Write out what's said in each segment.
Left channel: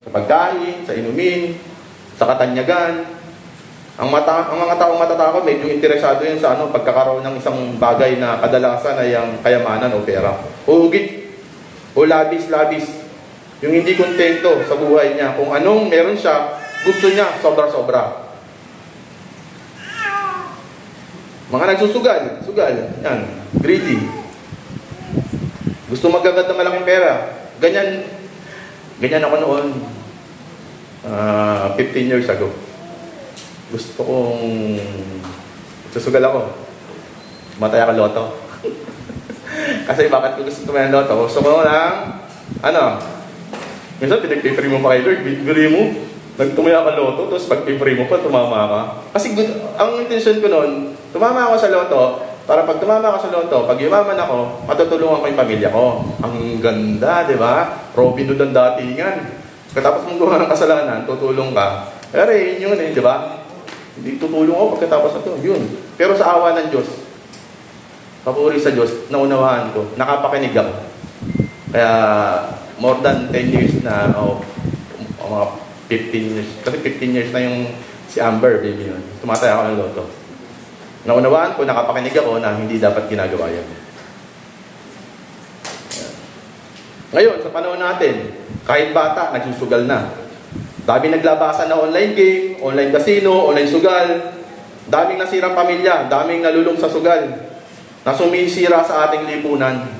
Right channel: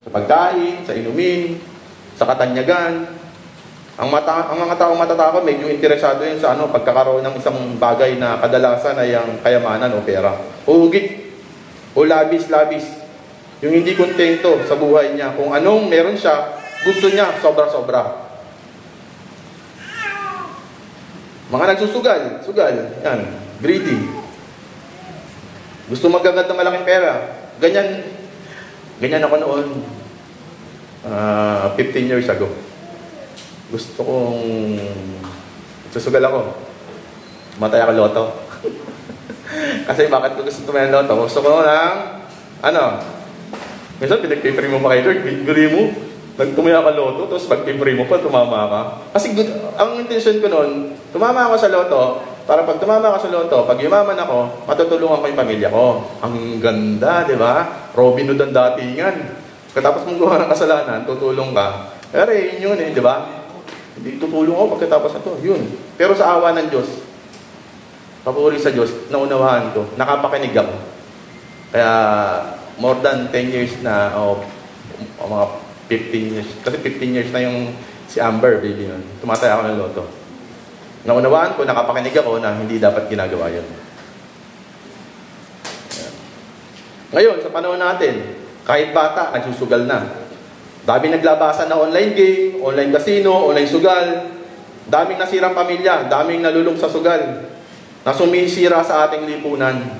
sa pagkain, sa inumin, sa katanyagan. Ang mga taong matatakot, medyo interesado yun sa pagkakaroon ng isang bagay na kadalasan ay ang kayamanan o pera. O hugit, o labis-labis. Yung hindi kontento sa buhay niya. Kung anong meron siya, gusto niya sobra-sobra. Mga nagsusugal, yan, greedy. Gusto magagat ng malaking pera. Ganyan ako noon, 15 years ago. Gusto kong susugal ako. Matay ako loto. Kasi bakit ko gusto ng loto? Gusto ko ng, minsan pinag-pay mo pa kayo, Lord, bigli mo, nagtumaya ka loto, tapos pag-pay mo pa, tumama ka. Kasi ang intention ko noon, tumama ako sa loto, para pag tumama ako sa loto, pag yumaman ako, matutulungan ko yung pamilya ko. Ang ganda, di ba? Robin Hood ang datingan. Katapos mong gumawa ng kasalanan, tutulong ka. Pero yun di ba? Hindi tutulong ako pagkatapos na to. Yun. Pero sa awa ng Diyos, papuri sa Diyos, naunawaan ko, nakapakinig ako. Kaya, more than 10 years na, mga 15 years. Kasi 15 years na yung si Amber, baby nun. Tumatay ako ng loto. Naunawaan ko, nakapakinig ako na hindi dapat ginagawa yun. Ngayon, sa panahon natin, kahit bata, nagsusugal na. Dami naglabasan na online game, online casino, online sugal. Daming nasirang pamilya, daming nalulong sa sugal. Na sumisira sa ating lipunan.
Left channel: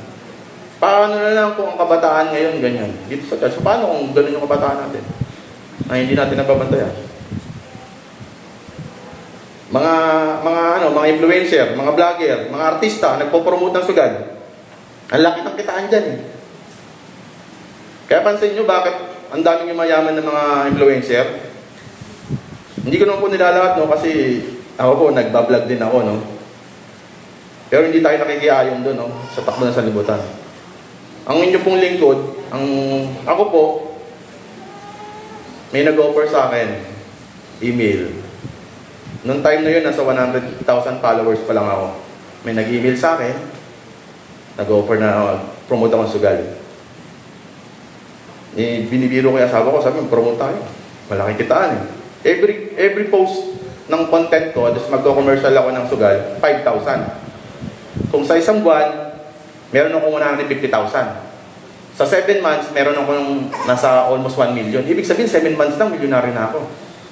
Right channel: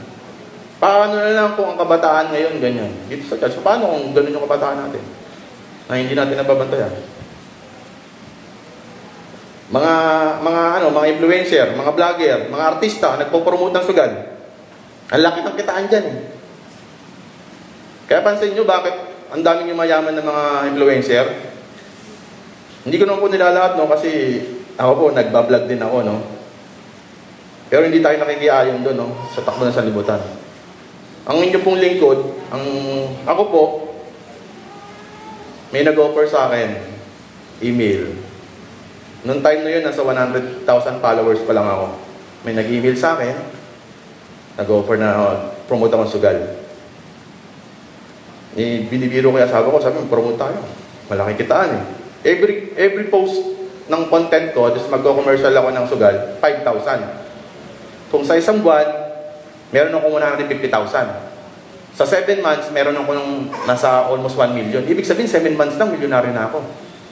Paano na lang kung ang kabataan ngayon ganyan? Dito sa tayo, paano kung gano'n yung kabataan natin? Na hindi natin nababantayan. Mga influencer, mga vlogger, mga artista, nagpo-promote ng sugal. Ang laki ng kitaan dyan eh. Kaya pansin nyo bakit ang daming yung mayaman ng mga influencer? Hindi ko naman po nilalahat, kasi ako po, nagbablog din ako, Pero hindi tayo nakikiayon doon, sa takbo ng sanlibutan. Ang inyo pong lingkod, ako po, may nag-offer sa akin, email. Noong time na yun, nasa 100,000 followers pa lang ako. May nag-email sa akin, nag-offer na promote akong sugal. Binibiro kaya sabi ko, promote tayo. Malaking kitaan eh. Every post ng content ko, tapos mag-commercial ako ng sugal, 5,000. Kung sa isang buwan, meron akong 150,000. Sa 7 months, meron akong nasa almost 1 million. Ibig sabihin, 7 months lang, milyonaryo na ako.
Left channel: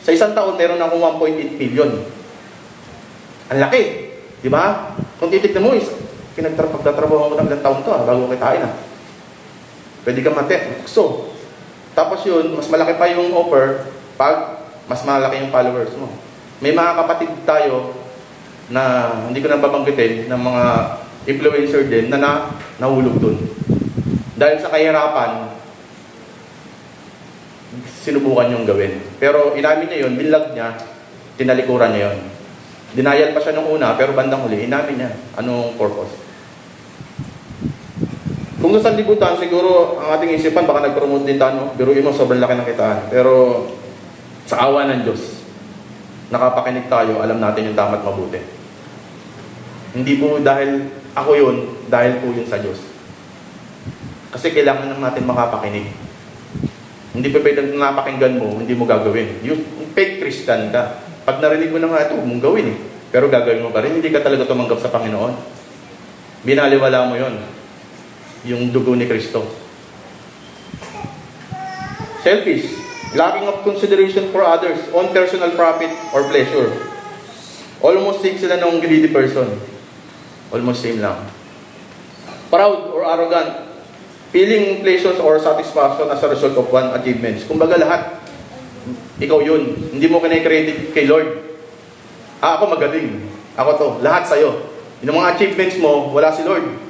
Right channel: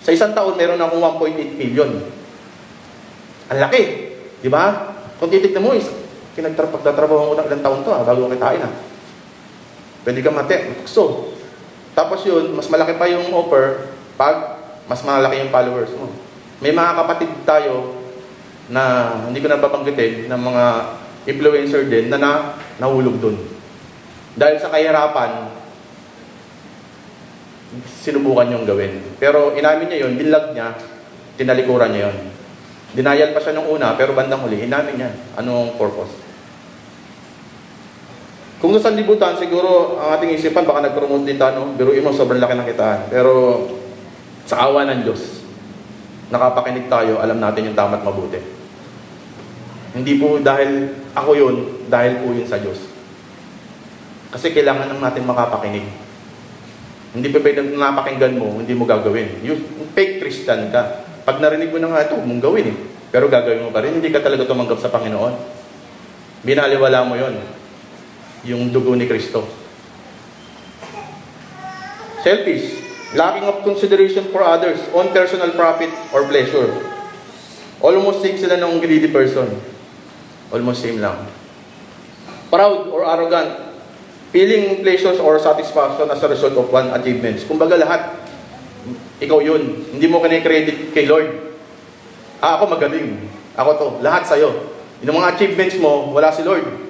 Sa isang taon, meron akong 1.8 million. Ang laki. Di ba? Kung titignan mo, pagtatrabaho ko ng ilang taon to, bago kitain Pwede kang so, tapos yun, mas malaki pa yung offer pag mas malaki yung followers mo. May mga kapatid tayo na hindi ko na babanggitin ng mga influencer din na nahulog dun. Dahil sa kahirapan, sinubukan yung gawin. Pero inamin niya yun, binlag niya, tinalikuran niya yun. Dinayal pa siya nung una, pero bandang huli, inamin niya. Anong purpose? Kung sa libutan, siguro ang ating isipan, baka nag-promote din tayo, biruin mo, sobrang laki ng kitaan. Pero sa awa ng Diyos, nakapakinig tayo, alam natin yung tama't mabuti. Hindi po dahil ako yun, dahil po yun sa Diyos. Kasi kailangan natin makapakinig. Hindi pa pwede napakinggan mo, hindi mo gagawin. Yung fake Christian ka. Pag narinig mo na nga ito, mong gawin Pero gagawin mo pa rin, hindi ka talaga tumanggap sa Panginoon. Binaliwala mo yun. Yung dugo ni Kristo. Selfish. Lacking of consideration for others, own personal profit or pleasure. Almost same sila ng greedy person. Almost same lang. Proud or arrogant. Feeling pleasures or satisfaction as a result of one achievements. Kumbaga lahat, ikaw yun. Hindi mo kini-credit kay Lord. Ako magaling. Ako to. Lahat sa'yo. Yung mga achievements mo, wala si Lord.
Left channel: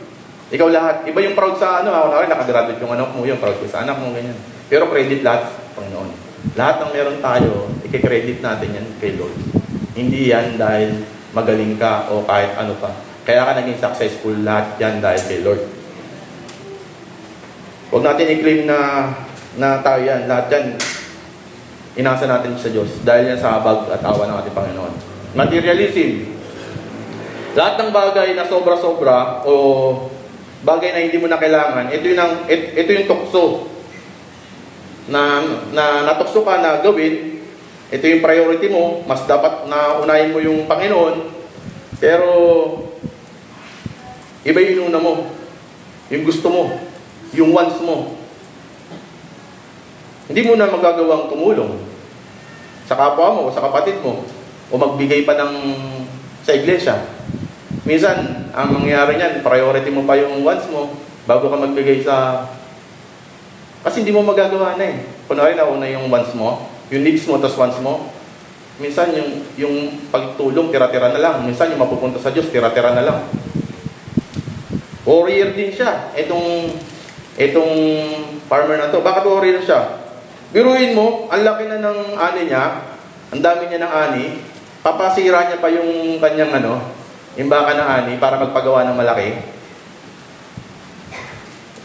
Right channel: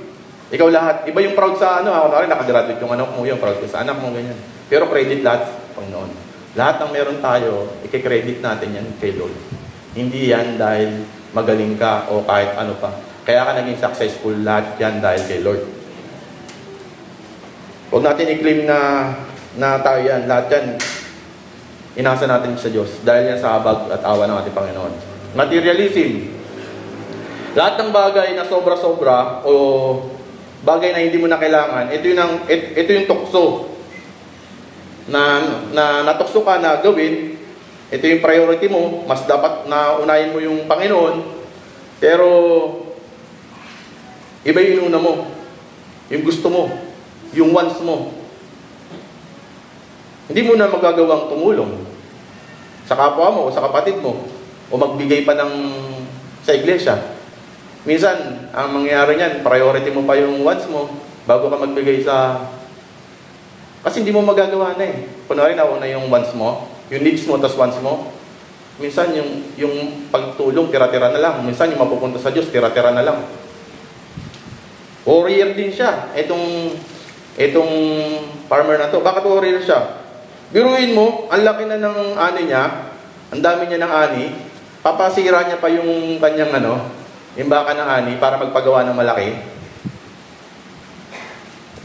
Ikaw lahat. Iba yung proud sa nakagraduate yung anak mo, yung proud ko sa anak mo, ganyan. Pero credit lahat, Panginoon. Lahat ng meron tayo, i-credit natin yan kay Lord. Hindi yan dahil magaling ka o kahit ano pa. Kaya ka naging successful, lahat yan dahil kay Lord. Huwag natin i-claim na tayo yan. Lahat yan, inasa natin sa Diyos. Dahil yan sa habag at awa ng ating Panginoon. Materialism. Lahat ng bagay na sobra-sobra o bagay na hindi mo na kailangan, ito yung tukso na natukso ka na gawin, ito yung priority mo, mas dapat na unahin mo yung Panginoon, pero iba yung una mo, yung gusto mo, yung wants mo. Hindi mo na magagawang tumulong sa kapwa mo o sa kapatid mo o magbigay pa ng sa iglesia. Minsan, ang mangyayari niyan, priority mo pa yung wants mo bago ka magbigay sa... Kasi hindi mo magagawa na eh. Kunwari na una yung wants mo, yung needs mo, tas wants mo. Minsan, yung pagtulong, tira-tira na lang. Minsan, yung mapupunta sa Diyos, tira-tira na lang. Warrior din siya. Itong farmer na to. Bakit warrior siya? Biruin mo, ang laki na ng ani niya, ang dami niya ng ani, papasira niya pa yung kanyang yung baka ng ani para magpagawa ng malaki.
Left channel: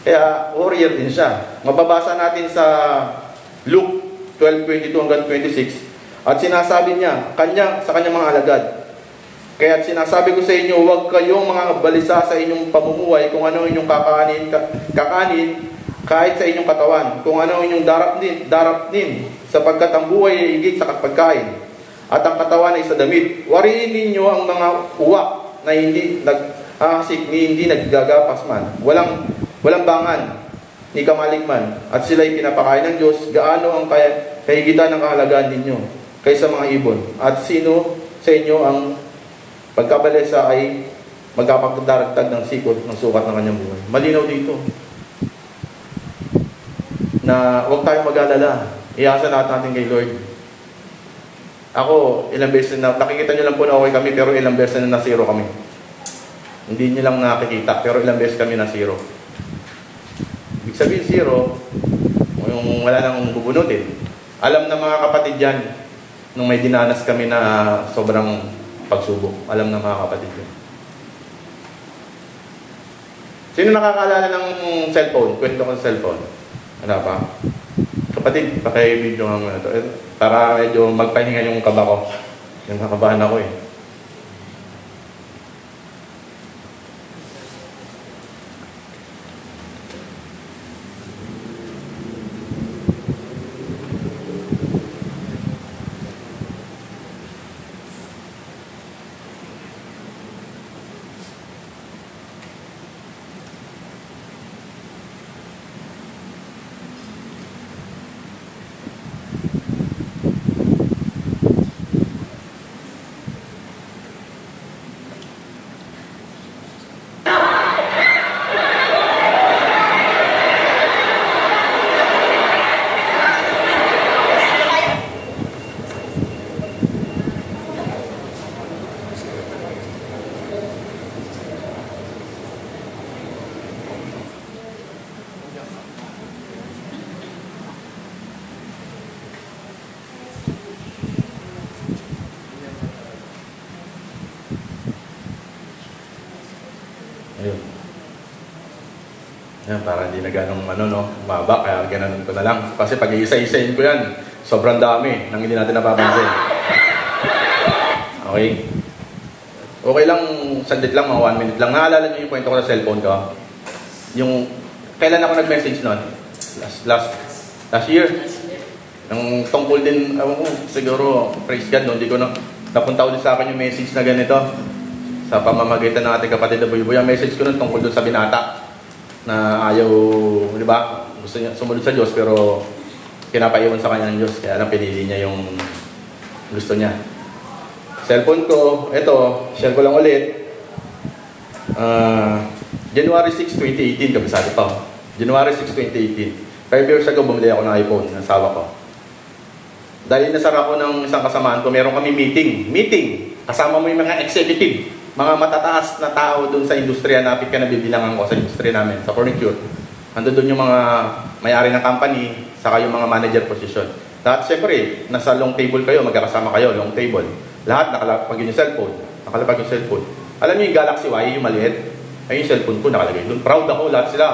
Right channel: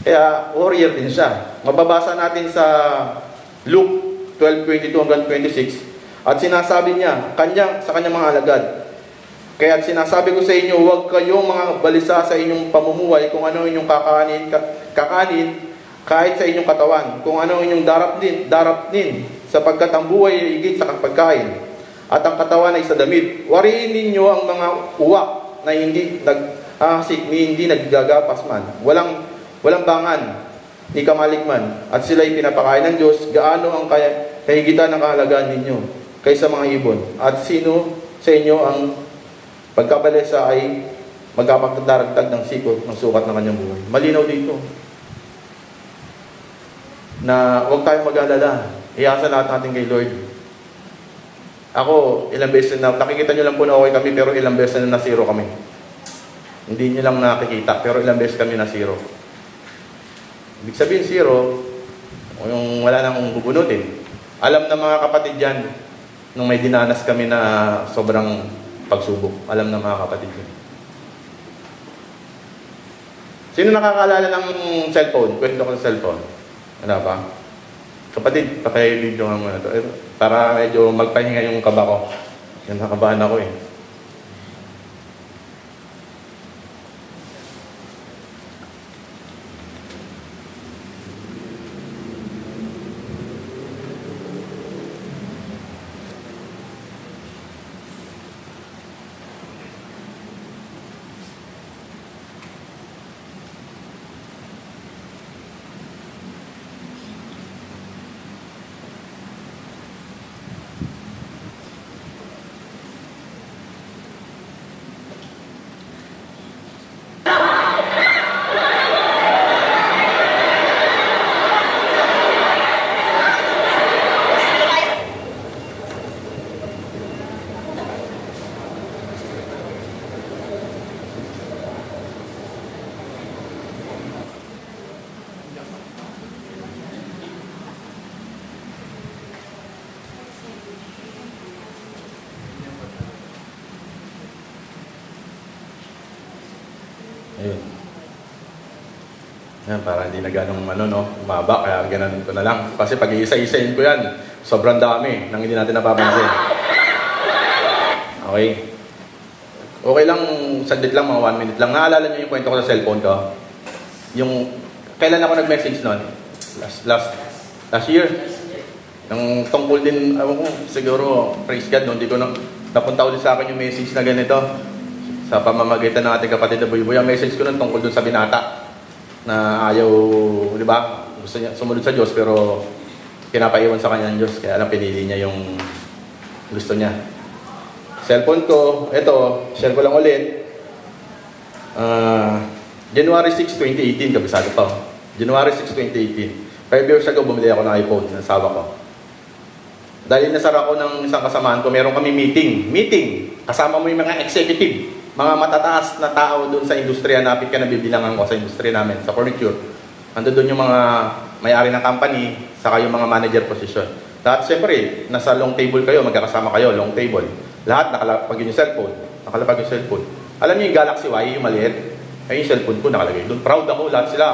Kaya warrior din siya. Mababasa natin sa Luke 12:22 hanggang 26 at sinasabi niya sa kanyang mga alagad, kaya sinasabi ko sa inyo, huwag kayong mga balisa sa inyong pamumuhay kung ano inyong kakanin kahit sa inyong katawan, kung ano inyong darapnin, sapagkat ang buhay ay higit sa pagkain, at ang katawan ay sa damit. Wariin ninyo ang mga uwak na hindi naghahasik, hindi naggagapas man, walang bangan, ni kamalikman, at sila'y pinapakain ng Diyos. Gaano ang kahigitan ng kahalagaan ninyo kaysa mga ibon? At sino sa inyo ang pagkabalisa ay magkapagdaragdag ng sikot ng sukat ng kanyang buhay? Malinaw dito na huwag tayong mag-alala. Iasa natin kay Lord. Ako, ilang beses na, nakikita nyo lang po na okay kami, pero ilang beses na zero kami. Hindi nyo lang nakikita, pero ilang beses kami na zero. Ibig sabihin zero, yung wala nang bubunutin. Alam na mga kapatid dyan, nung may dinanas kami na sobrang pagsubok. Alam na mga kapatid dyan. Sino nakakaalala ng cellphone? Kwento ko ng cellphone. Ano ba? Kapatid, paki-video nga ito. Para medyo magpahinga yung kaba ko. Yung nakabahan ako eh. Ayun. Yan, para hindi na ganong maba, kaya gananon ko na lang. Kasi pag iisa-isain ko yan, sobrang dami nang hindi natin napapansin. Okay? Okay lang, sandit lang, mga 1 minute lang. Naalala niyo yung kwento ko sa cellphone ko? Yung, kailan ako nag-message nun? Last year. Yung tungkol din, siguro, praise God, hindi ko napunta ulit sa akin yung message na ganito. Sa pamamagitan ng ating kapatid na Buy-Buy, ang message ko nun tungkol dun sa binata na ayaw, di ba, gusto niya sumunod sa Diyos pero pinapaiwan sa kanya ng Diyos, kaya lang pinili niya yung gusto niya. Cellphone ko, eto, share ko lang ulit. January 6, 2018, kabisado to. January 6, 2018. 5 years ago, bumili ako ng iPhone ng asawa ko. Dahil nasara ko ng isang kasamaan ko, meron kami meeting. Kasama mo yung mga executive, mga matataas na tao doon sa industriya na ka na bibilangan ko sa industriya namin, sa furniture. Nandun doon yung mga may-ari ng company, saka yung mga manager position. Lahat, siyempre, nasa long table kayo, magkakasama kayo, long table. Lahat nakalapag yung cellphone. Nakalapag yung cellphone. Alam niyo yung Galaxy Y, yung maliit? Ay, yung cellphone ko nakalagay doon. Proud ako, lahat sila.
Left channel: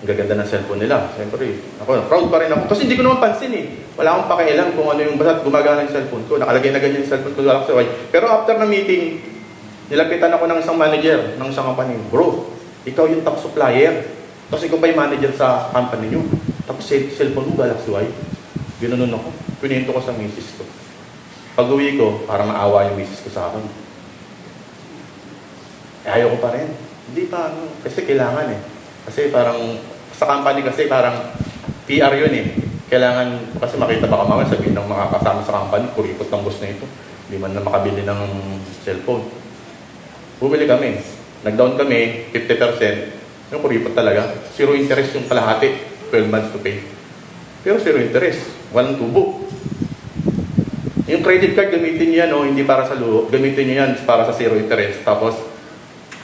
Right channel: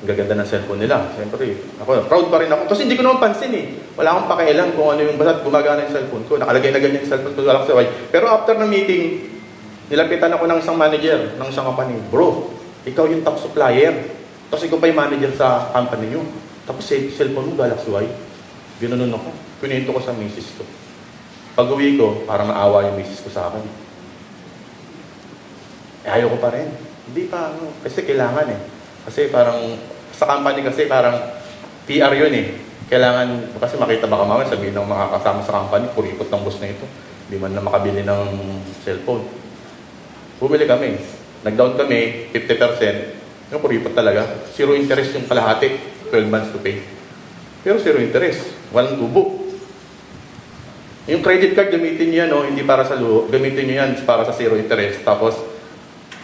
Ang gaganda ng cellphone nila. Siyempre, ako, proud pa rin ako. Kasi hindi ko naman pansin eh. Wala akong pakialam kung ano yung basta gumagana yung cellphone ko. Nakalagay na ganyan yung cellphone ko, Galaxy Y. Pero after ng meeting, nilapitan ako ng isang manager ng isang company. Bro, ikaw yung top supplier. Kasi ko pa yung manager sa company nyo. Tapos cellphone mo, Galaxy Y. Ginanon ako. Pinito ko sa misis ko. Pag uwi ko, parang naawa yung misis ko sa akin. Ayaw ko pa rin. Hindi pa, kasi kailangan eh. Kasi parang, sa company kasi parang PR yun eh. Kailangan, kasi makita baka mga sabihin ng mga kasama sa company, kurikot ng boss na ito. Hindi man na makabili ng cellphone. Bumili kami. Nag-down kami, 50%. Kuripot talaga. Zero interest yung kalahati. 12 months to pay. Pero zero interest. Walang tubo. Yung credit card, gamitin nyo yan, hindi para sa luho. Gamitin nyo yan para sa zero interest. Tapos,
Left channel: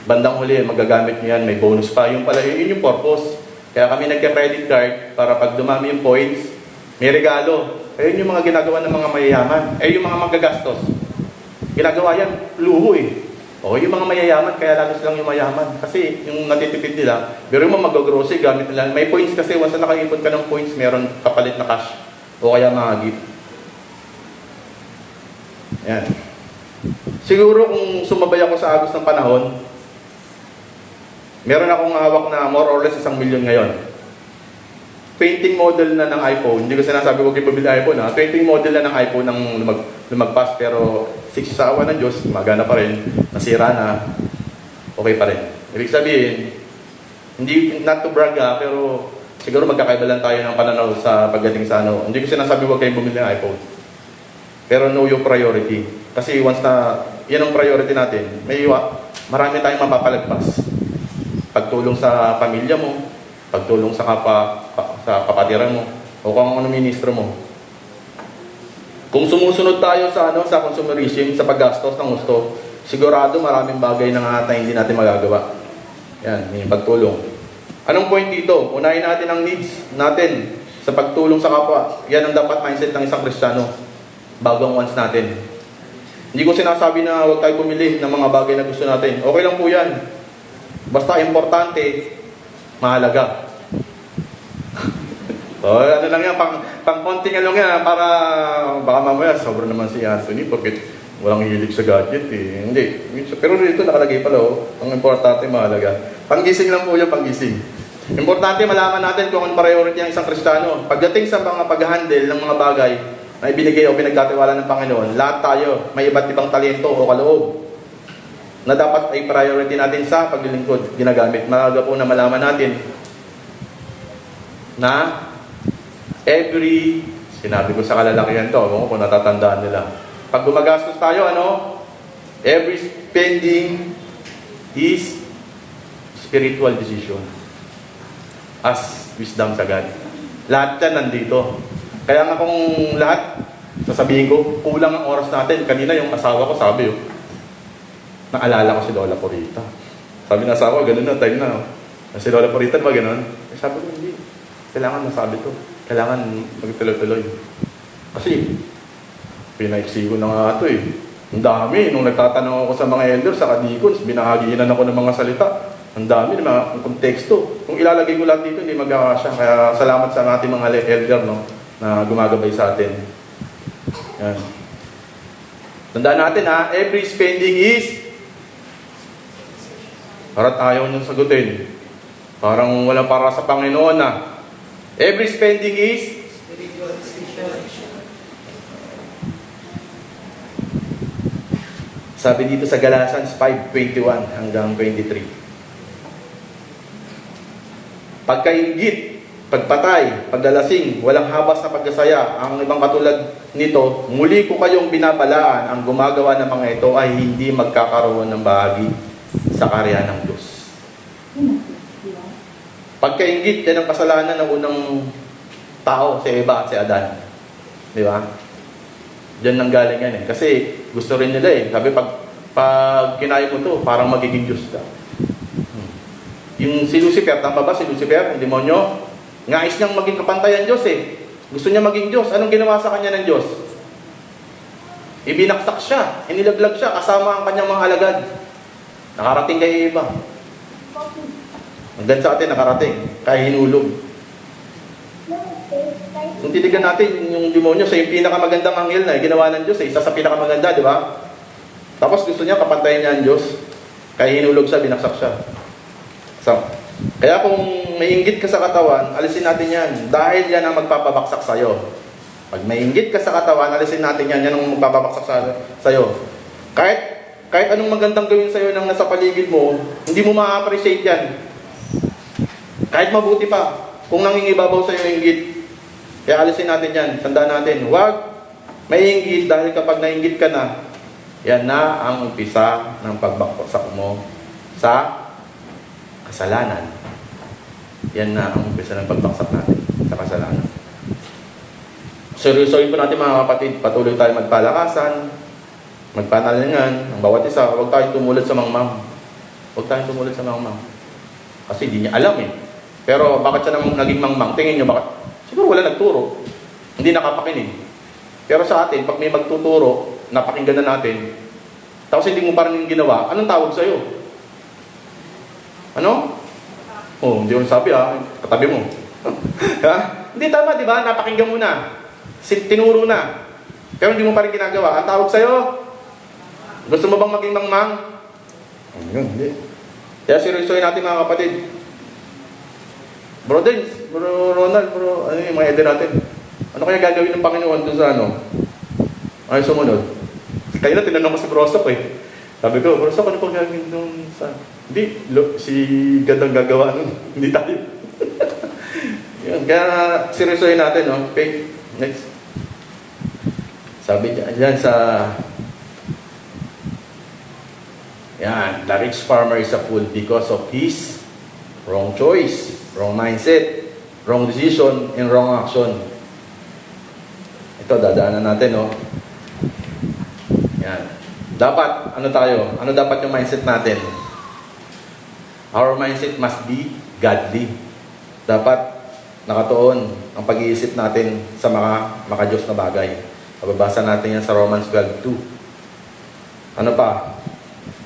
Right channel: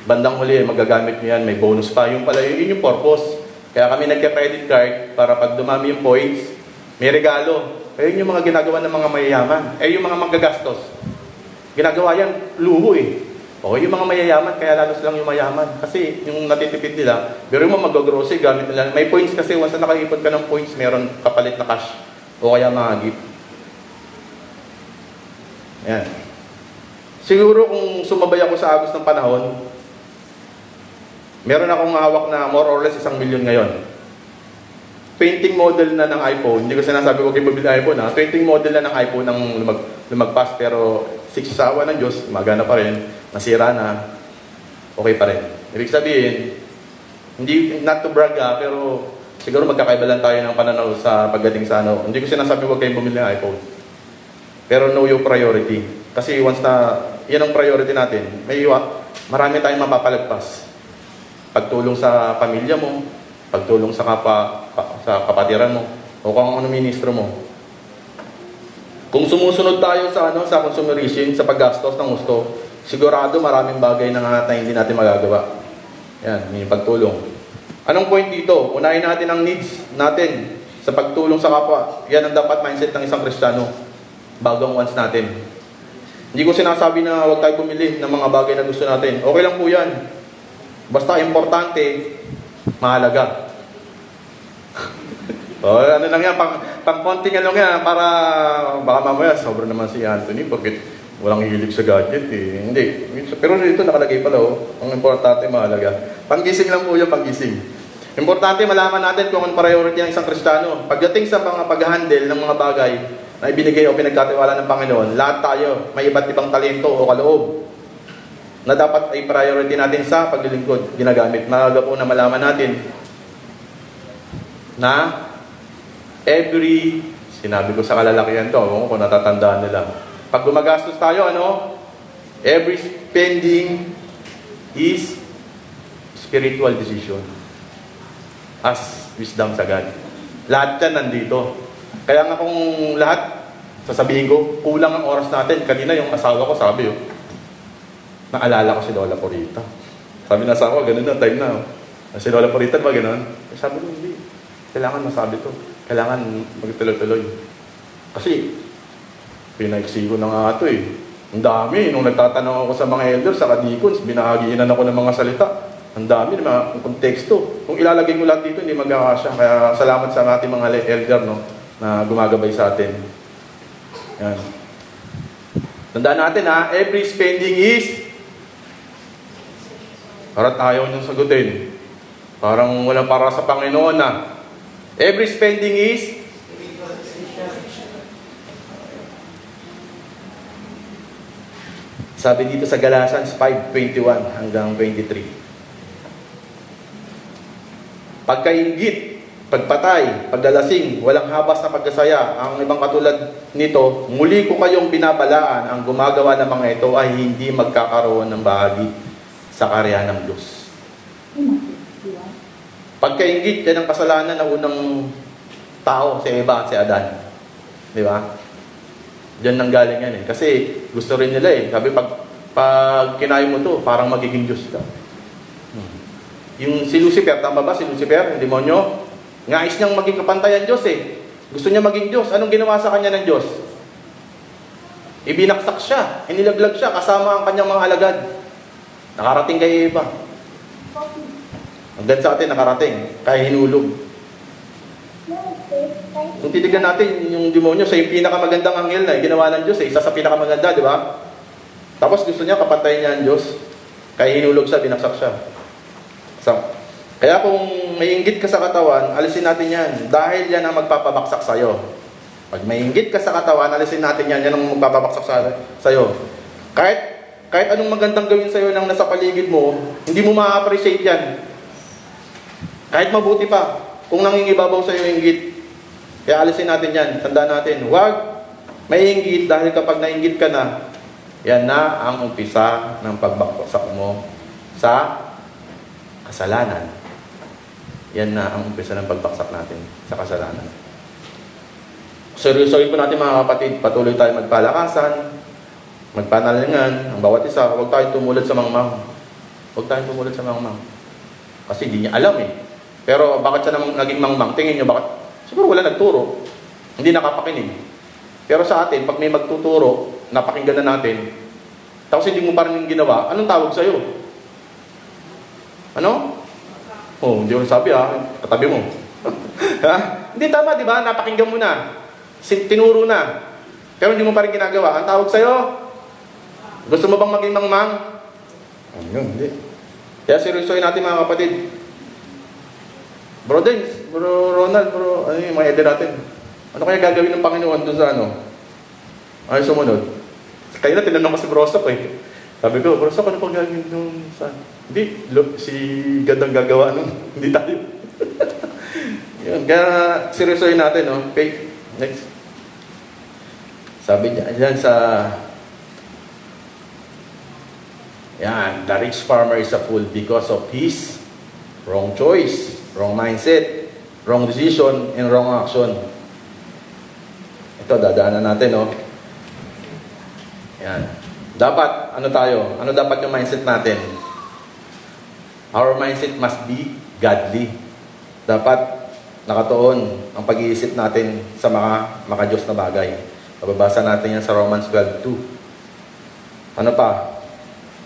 bandang huli, magagamit nyo yan, may bonus pa. Yung pala, yun yung purpose. Kaya kami nagka-credit card para pag dumami yung points, may regalo. Ayun yung mga ginagawa ng mga mayayaman. Yung mga magagastos. Ginagawa yan, luho eh. O yung mga mayayaman, kaya lalo silang yung mayaman. Kasi yung natitipid nila, pero yung mga mag-grocery, gamit nila. May points kasi, once na nakaipon ka ng points, meron kapalit na cash. O kaya mga gift. Ayan. Siguro kung sumabay ako sa agos ng panahon, meron akong hawak na more or less 1 million ngayon. Painting model na ng iPhone, hindi ko sinasabi huwag yung bumili iPhone ha. Painting model na ng iPhone ng lumagpas, pero 6 sa awa ng Diyos, magana pa rin, nasira na, okay pa rin. Ibig sabihin, hindi, not to brag ha, pero siguro magkakaiba lang tayo ng pananaw sa pagdating sa ano. Hindi ko sinasabi huwag kayong bumili ng iPhone. Pero know your priority. Kasi once na, yan ang priority natin, marami tayong mapapalagpas. Pagtulong sa pamilya mo, pagtulong sa kapatiran mo, o kung ano ministro mo. Kung sumusunod tayo sa consumerism, sa paggastos ng gusto, sigurado maraming bagay na hindi natin magagawa. Yan, yung pagtulong. Anong point dito? Unahin natin ang needs natin sa pagtulong sa kapwa. Yan ang dapat mindset ng isang Kristiyano bago ang wants natin. Hindi ko sinasabi na huwag tayo pumili ng mga bagay na gusto natin. Okay lang po yan. Basta importante, mahalaga. So, ano lang yan, pang konting ano nga, para baka mamaya, sobrang naman si Anthony, porque walang hilig sa gadget eh. Hindi. Pero dito nakalagay pala, ang importante, mahalaga. Panggising lang po yung panggising. Importante malaman natin kung ang priority ng isang Kristiyano. Pagdating sa mga pag-handle ng mga bagay na ibinigay o pinagkatiwala ng Panginoon, lahat tayo may iba't ibang talento o kaloob na dapat ay priority natin sa paglilingkod ginagamit. Mahalaga po na malaman natin na sinabi ko sa kalalakihan ko, kung natatandaan nila, pag gumagastos tayo, every spending is spiritual decision as wisdom sa God. Lahat yan nandito. Kaya nga kung lahat, sasabihin ko, kulang ang oras natin. Kanina yung asawa ko sabi, naalala ko si Lola Corita. Sabi ng asawa, ganun na, time na. Si Lola Corita ba ganun? Sabi ko, hindi. Kailangan masabi to. Kailangan magtuloy-tuloy. Kasi, pinaiksi ko na nga ito eh. Ang dami. Nung nagtatanong ako sa mga elders, sa kadikons, binahagiinan ako ng mga salita. Ang dami, ng konteksto. Kung ilalagay ko lahat dito, hindi magkakasya. Kaya salamat sa ating mga elder na gumagabay sa atin. Yan. Tandaan natin every spending is para't ayaw nung sagutin. Parang wala para sa Panginoon every spending is sabi dito sa Galatians 5:21 hanggang 23. Pagkaingit, pagpatay, pagdalasing, walang habas na pagkasaya, ang ibang katulad nito, muli ko kayong binabalaan, ang gumagawa ng mga ito ay hindi magkakaroon ng bahagi sa karya ng Diyos. Pagkaingit, yan ang kasalanan ng unang tao, si Eva at si Adan. Di ba? Diyan nang galing yan Kasi gusto rin nila Sabi, pag kinain mo to, parang magiging Diyos ka. Yung si Lucifer, tama ba si Lucifer, ang demonyo? Ngais niyang maging kapantayan Diyos Gusto niya maging Diyos. Anong ginawa sa kanya ng Diyos? Ibinaksak siya, inilaglag siya, kasama ang kanyang mga alagad. Nakarating kay Eva. Hanggang sa atin nakarating, kaya hinulog. Kung titigan natin yung demonyo sa yung pinakamagandang anghel na ginawa ng Diyos isa sa pinakamaganda, di ba? Tapos gusto niya, papantayin niya ang Diyos. Kaya hinulog siya, binaksak siya. So, kaya kung may inggit ka sa katawan, alisin natin yan. Dahil yan ang magpapabaksak sa'yo. Pag mainggit ka sa katawan, alisin natin yan. Yan ang magpapabaksak sa'yo. Kahit anong magandang gawin sa'yo ng nasa paligid mo, hindi mo ma-appreciate yan. Kahit mabuti pa, kung nangingibabaw sa'yo yung inggit, kaya alisin natin yan. Tandaan natin, huwag maiinggit dahil kapag nainggit ka na, yan na ang umpisa ng pagbaksak mo sa kasalanan. Yan na ang umpisa ng pagbaksak natin sa kasalanan. Seryosohin po natin mga kapatid, patuloy tayo magpalakasan, magpanalingan, ang bawat isa, huwag tayo tumulad sa mangmang. Huwag tayo tumulad sa mangmang. Kasi hindi niya alam eh. Pero bakit siya naman naging mangmang? Tingin niyo bakit? Siguro wala nagturo. Hindi nakapakinig. Pero sa atin, pag may magtuturo, napakinggan na natin, tapos hindi mo pa rin yung ginawa, anong tawag sa'yo? Ano? Oh, hindi mo sabi katabi mo. Ha? Hindi tama, di ba? Napakinggan mo na. Tinuro na. Pero hindi mo pa rin ginagawa. Ang tawag sa'yo? Gusto mo bang maging mangmang? Hindi. Kaya seryosohin natin mga kapatid. Bro Dins, Bro Ronald, ano yung mga eder natin? Ano kaya gagawin ng Panginoon doon sa ano? Ay, sumunod. Kaya na tinanong ko si Brosok eh. Sabi ko, Brosok, ano pa gagawin doon sa... Hindi, si Gandang gagawa nun. Hindi tayo. Yan, kaya seryosohin natin, no? Okay, next. Sabi niya, yan sa... Yan, the rich farmer is a fool because of his wrong choice, wrong mindset, wrong decision, and wrong action. Ito, dadaanan natin, no? Yan. Dapat, ano tayo? Ano dapat yung mindset natin? Our mindset must be godly. Dapat nakatuon ang pag-iisip natin sa mga maka-Diyos na bagay. Pababasa natin yan sa Romans 12:2. Ano pa?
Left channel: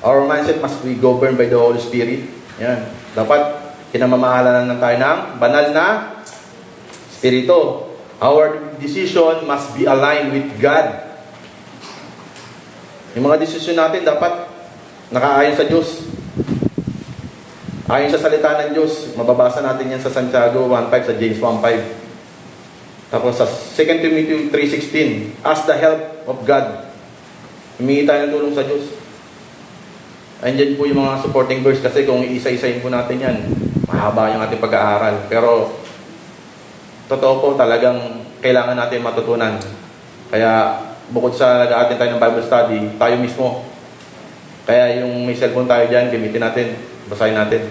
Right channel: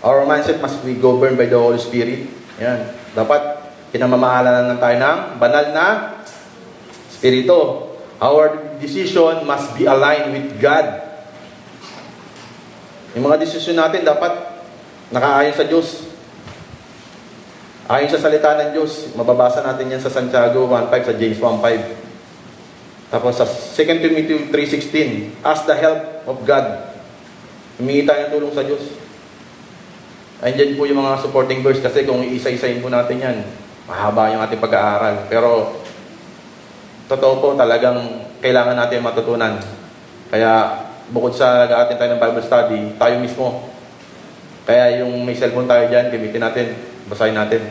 Our mindset must be governed by the Holy Spirit. Yan. Dapat kinamamahalan na tayo ng banal na Espiritu. Our decision must be aligned with God. Yung mga desisyon natin dapat nakaayon sa Diyos. Ayon sa salita ng Diyos, mababasa natin yan sa Santiago 1:5, sa James 1:5. Tapos sa 2 Timothy 3:16, ask the help of God. Humingi tayo ng tulong sa Diyos. Andyan po yung mga supporting verse kasi kung isa-isayin po natin yan, mahaba yung ating pag-aaral. Pero totoo po talagang kailangan natin matutunan. Kaya bukod sa daatin tayo ng Bible study, tayo mismo. Kaya yung may cellphone tayo dyan, gamitin natin, basahin natin.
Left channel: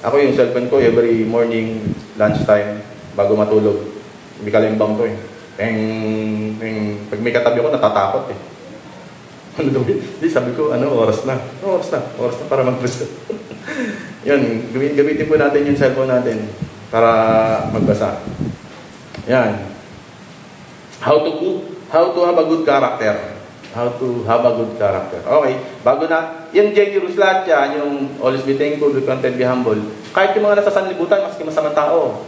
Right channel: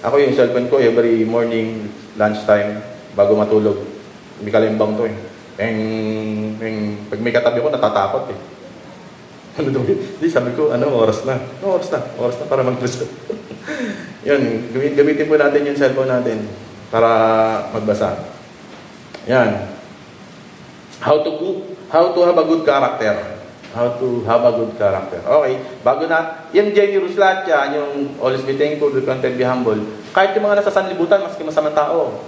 Ako yung cellphone ko every morning, lunchtime, bago matulog. May kalimbang ko eh. Pag may katabi ko, natatakot eh. Ano daw yun? Di, sabi ko, oras na para mag-Kristo. Yan, gamitin po natin yung cellphone natin para magbasa. Yan. How to have a good character. How to have a good character. Okay, bago na, yung Jenny Ruslatya, yung always be thankful, be content, be humble. Kahit yung mga nasa sanlibutan, maski masamang tao,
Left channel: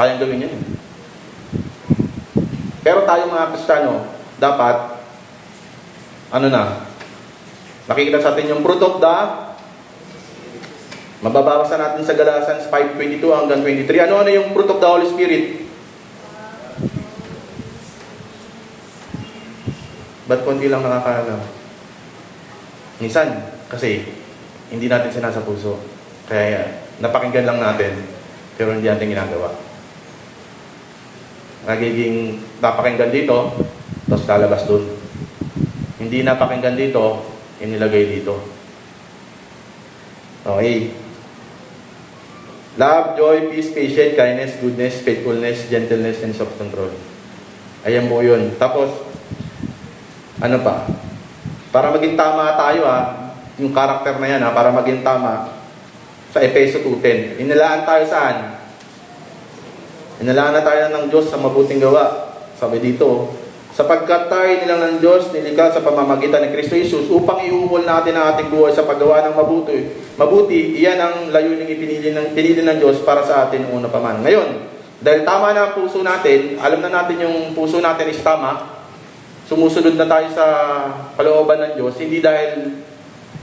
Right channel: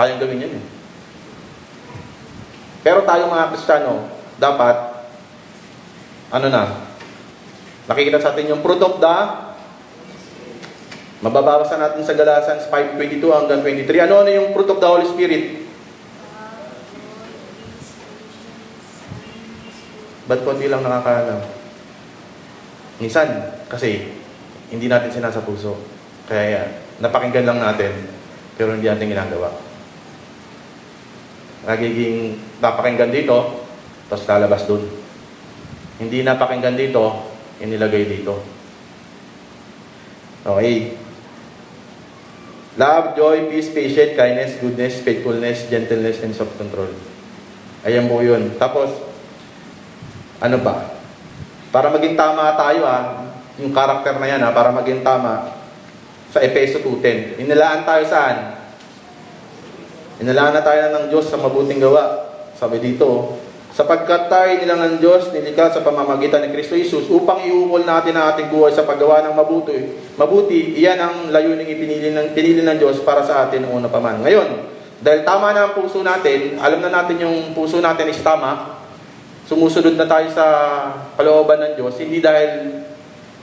kayang gawin yun. Pero tayo mga Kristiyano, dapat nakikita sa atin yung fruit of the mababawasan natin sa Galatians 5:22 hanggang 23. Ano yung fruit of the Holy Spirit? Ba't konti lang minsan, kasi hindi natin sinasa puso. Kaya napakinggan lang natin, pero hindi natin ginagawa. Nagiging napakinggan dito, tapos lalabas doon. Hindi napakinggan dito, inilagay dito. Okay. Love, joy, peace, patience, kindness, goodness, faithfulness, gentleness, and self-control. Ayan po yun. Tapos, ano pa? Para maging tama tayo yung karakter na yan para maging tama, sa Efeso 2:10. Inilaan tayo saan? Inilaan na tayo ng Diyos sa mabuting gawa. Sabi dito, sapagkat tayo nilang ng Diyos, nilikha sa pamamagitan ni Kristo Jesus upang iukol natin ang ating buhay sa paggawa ng mabuti. Iyan ang layuning pinili ng Diyos para sa atin noong pa man. Ngayon, dahil tama na ang puso natin, alam na natin yung puso natin is tama, sumusunod na tayo sa kalooban ng Diyos, hindi dahil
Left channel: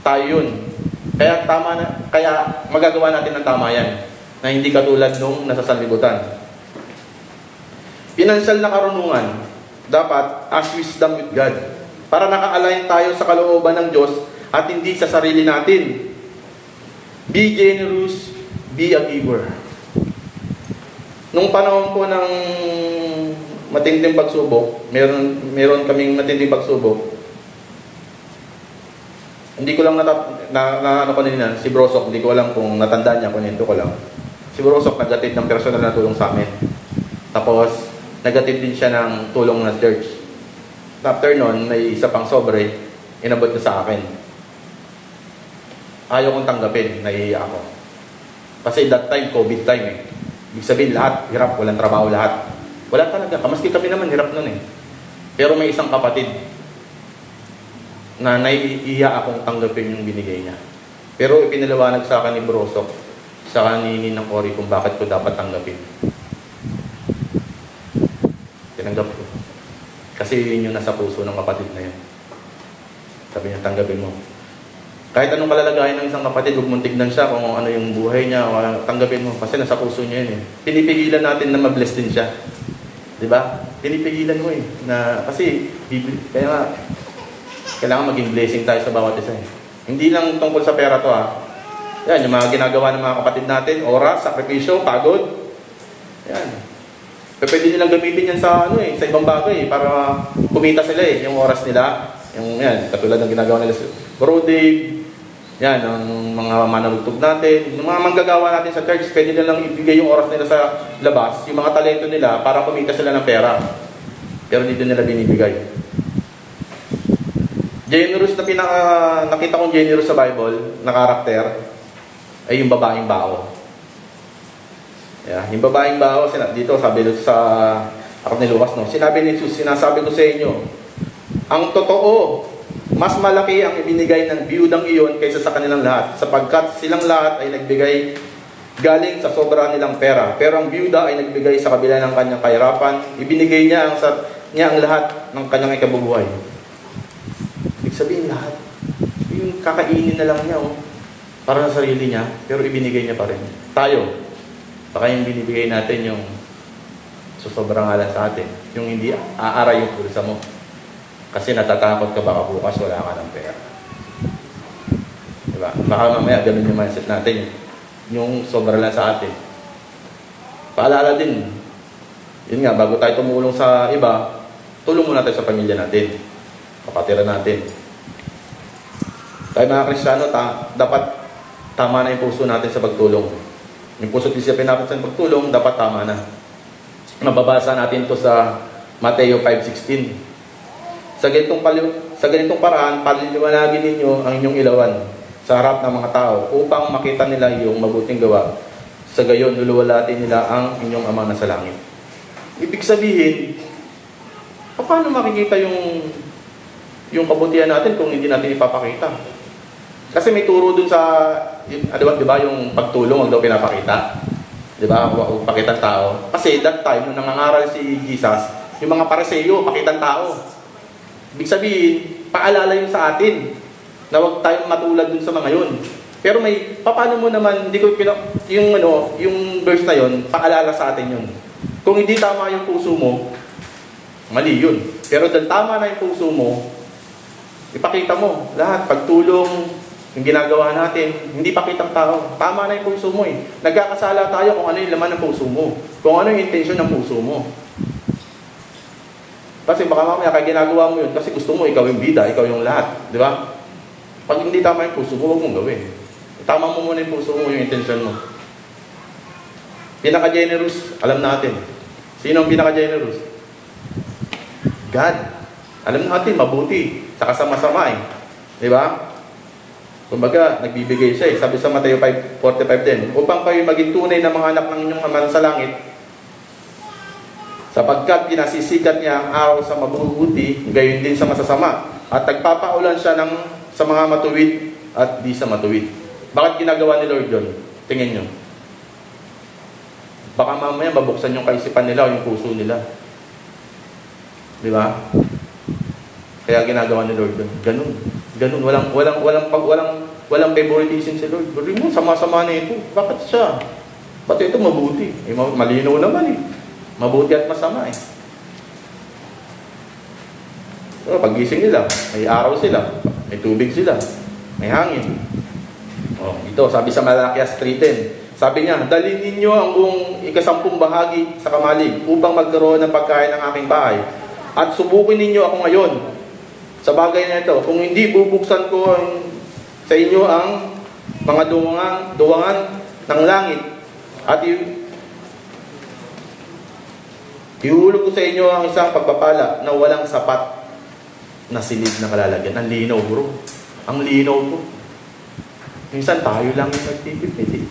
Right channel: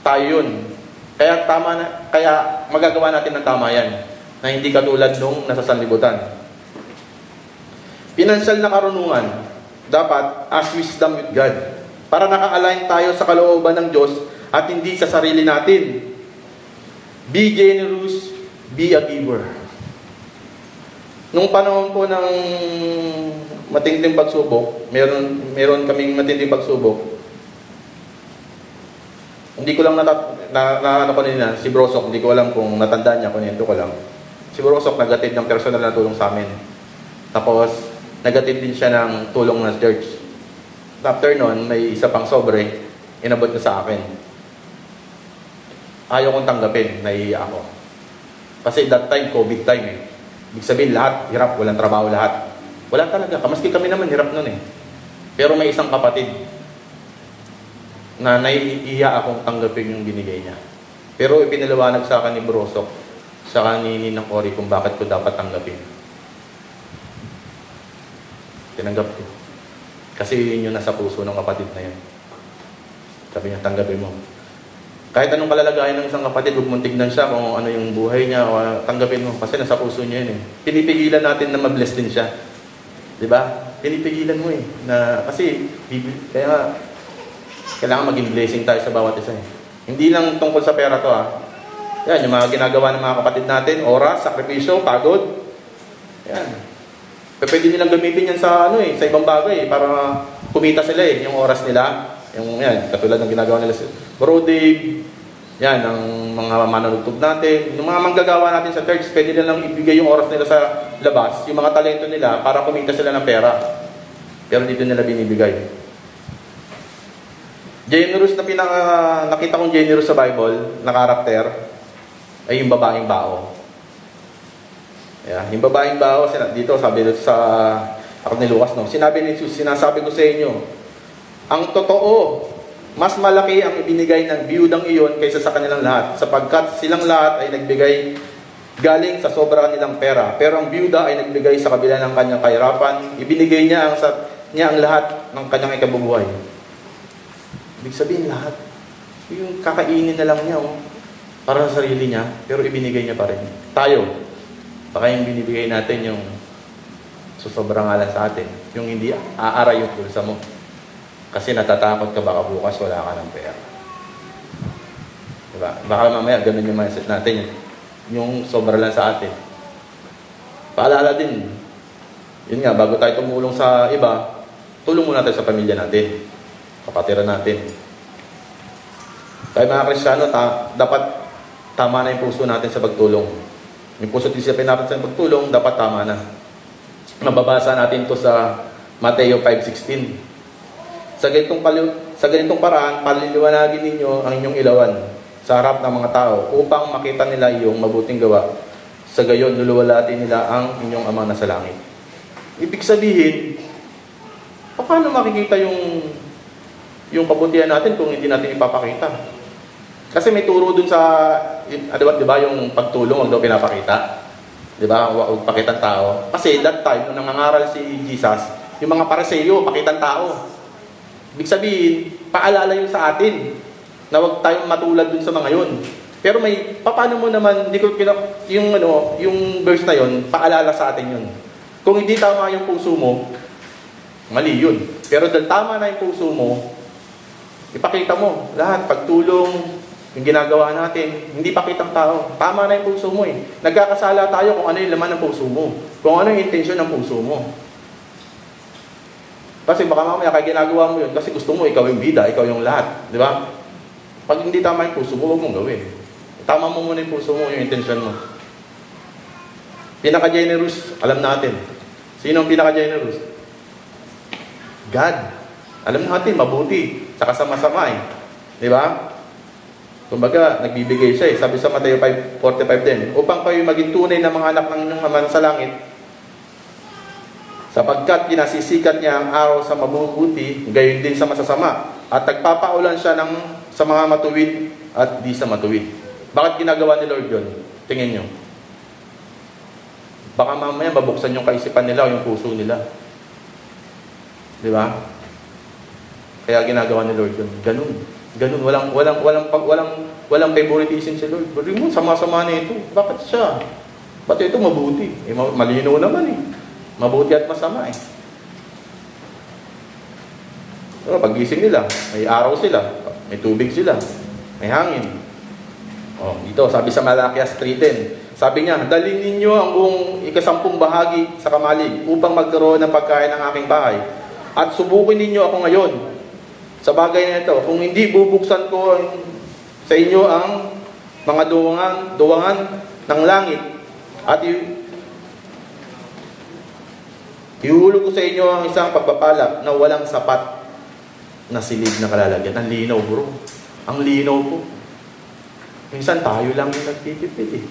tayo yun. Kaya magagawa natin ng tama yan, na hindi katulad nung nasa sanlibutan. Financial na karunungan, dapat as wisdom with God. Para naka-align tayo sa kalooban ng Diyos at hindi sa sarili natin. Be generous, be a giver. Nung panahon po ng matinding pagsubok, meron kaming matinding pagsubok. Hindi ko lang ano ko nila, si Brosok, hindi ko alam kung natandaan niya, kunento ko lang. Si Brosok nag-atid ng personal na tulong sa amin. Tapos, nag-atid din siya ng tulong ng church. After nun, may isa pang sobre, inabot na sa akin. Ayaw kong tanggapin, naiiyak ako. Kasi that time, COVID time eh. Ibig sabihin, lahat, hirap, walang trabaho lahat. Wala talaga, kamaski kami naman, hirap nun eh. Pero may isang kapatid na naiiyak akong tanggapin yung binigay niya. Pero ipinaliwanag sa akin ni Brosok, sa kanini ng Cory kung bakit ko dapat tanggapin. Tinanggap ko. Kasi yun yung nasa puso ng kapatid na yun. Sabi niya, tanggapin mo. Kahit anong kalalagayan ng isang kapatid, huwag mong tignan siya kung ano yung buhay niya, tanggapin mo. Kasi nasa puso niya yun eh. Pinipigilan natin na mag-bless din siya. Diba? Pinipigilan mo eh. Kasi, kaya kailangan maging blessing tayo sa bawat isa eh. Hindi lang tungkol sa pera to Yan, yung mga ginagawa ng mga kapatid natin, oras, sakripisyo, pagod. Yan. Pwede nilang gamitin yan sa sa ibang bagay para kumita sila yung oras nila. Yung yan, katulad ng ginagawa nila sa Bro Dave, yan, ang mga manunugtog natin, yung mga manggagawa natin sa church, pwede nilang ibigay yung oras nila sa labas, yung mga talento nila para kumita sila ng pera. Pero dito nila binibigay. Generous na nakita kong generous sa Bible na karakter ay yung babaeng bao. Yeah, yung babaeng bao, dito sabi dito sa ako ni Lucas, sinabi ni Jesus, sinasabi ko sa inyo, ang totoo, mas malaki ang ibinigay ng biyudang iyon kaysa sa kanilang lahat, sapagkat silang lahat ay nagbigay galing sa sobra nilang pera. Pero ang biyuda ay nagbigay sa kabila ng kanyang kahirapan, ibinigay niya ang lahat ng kanyang ikabubuhay. Ibig sabihin lahat. Yung kakainin na lang niya para sa sarili niya, pero ibinigay niya pa rin. Tayo, baka yung binibigay natin yung sa sobrang alam sa atin, yung hindi aaray yung pulsa mo. Kasi natatakot ka baka bukas wala ka ng pera. Diba? Baka mamaya ganun yung mindset natin. Yung sobra lang sa atin. Paalala din, yun nga, bago tayo tumulong sa iba, tulong natin sa pamilya natin, kapatiran natin. Kaya mga Kristiyano, dapat tama na yung puso natin sa pagtulong. Yung puso at isipin natin sa pagtulong, dapat tama na. Mababasa natin to sa Mateo 5:16. Sa ganitong paraan, paliliwanagin ninyo ang inyong ilawan sa harap ng mga tao upang makita nila iyong mabuting gawa. Sa gayon, luluwalatin nila ang inyong Amang nasa langit. Ibig sabihin, paano makikita yung kabutihan natin kung hindi natin ipapakita? Kasi may turo dun sa, di ba, yung pagtulong ang daw pinapakita? Di ba? Huwag pakita ng tao. Kasi that time, nung nangangaral si Jesus, yung mga Pariseo, pakita ng tao. Ibig sabihin, paalala yun sa atin na huwag tayong matulad dun sa mga yun. Pero paano mo naman, yung verse na yun, paalala sa atin yun. Kung hindi tama yung puso mo, mali yun. Pero dahil tama na yung puso mo, ipakita mo lahat, pagtulong, yung ginagawa natin, hindi pakitang tao. Tama na yung puso mo eh. Nagkakasala tayo kung ano yung laman ng puso mo. Kung ano yung intention ng puso mo. Kasi baka mamaya kaya ginagawa mo yun kasi gusto mo ikaw yung bida, ikaw yung lahat. Di ba? Pag hindi tama yung puso mo, huwag mong gawin. Tama mo muna yung puso mo, yung intention mo. Pinaka-generous, alam natin. Sino ang pinaka-generous? God. Alam natin, mabuti. Saka sama-sama eh. Di ba? Kumbaga, nagbibigay siya eh. Sabi sa Mateo 5:45 din, upang kayo maging tunay na mga anak ng inyong Ama sa langit, sapagkat pinasisikat niya ang araw sa mabubuti, gayon din sa masasama. At nagpapaulan siya sa mga matuwid at di sa matuwid. Bakit ginagawa ni Lord yun? Tingin nyo. Baka mamaya babuksan yung kaisipan nila o yung puso nila. Di ba? Kaya ginagawa ni Lord yun. Ganun. Walang favoritism si Lord. Lord mo, sama-sama na ito. Bakit siya? Bakit ito mabuti? Malinaw naman eh. Mabuti at masama eh. Pero pagising nila, may araw sila, may tubig sila, may hangin. Oh, ito, sabi sa Malakias 3:10, sabi niya, dalhin ninyo ang buong ikasampung bahagi sa kamalig upang magkaroon ng pagkain ng aking bahay. At subukin ninyo ako ngayon sa bagay na ito. Kung hindi, bubuksan ko sa inyo ang mga duwangan ng langit at ihulog ko sa inyo ang isang pagpapala na walang sapat na silid na kalalagyan. Ang linaw, bro. Ang linaw, bro. Minsan tayo lang yung nagtitipid eh.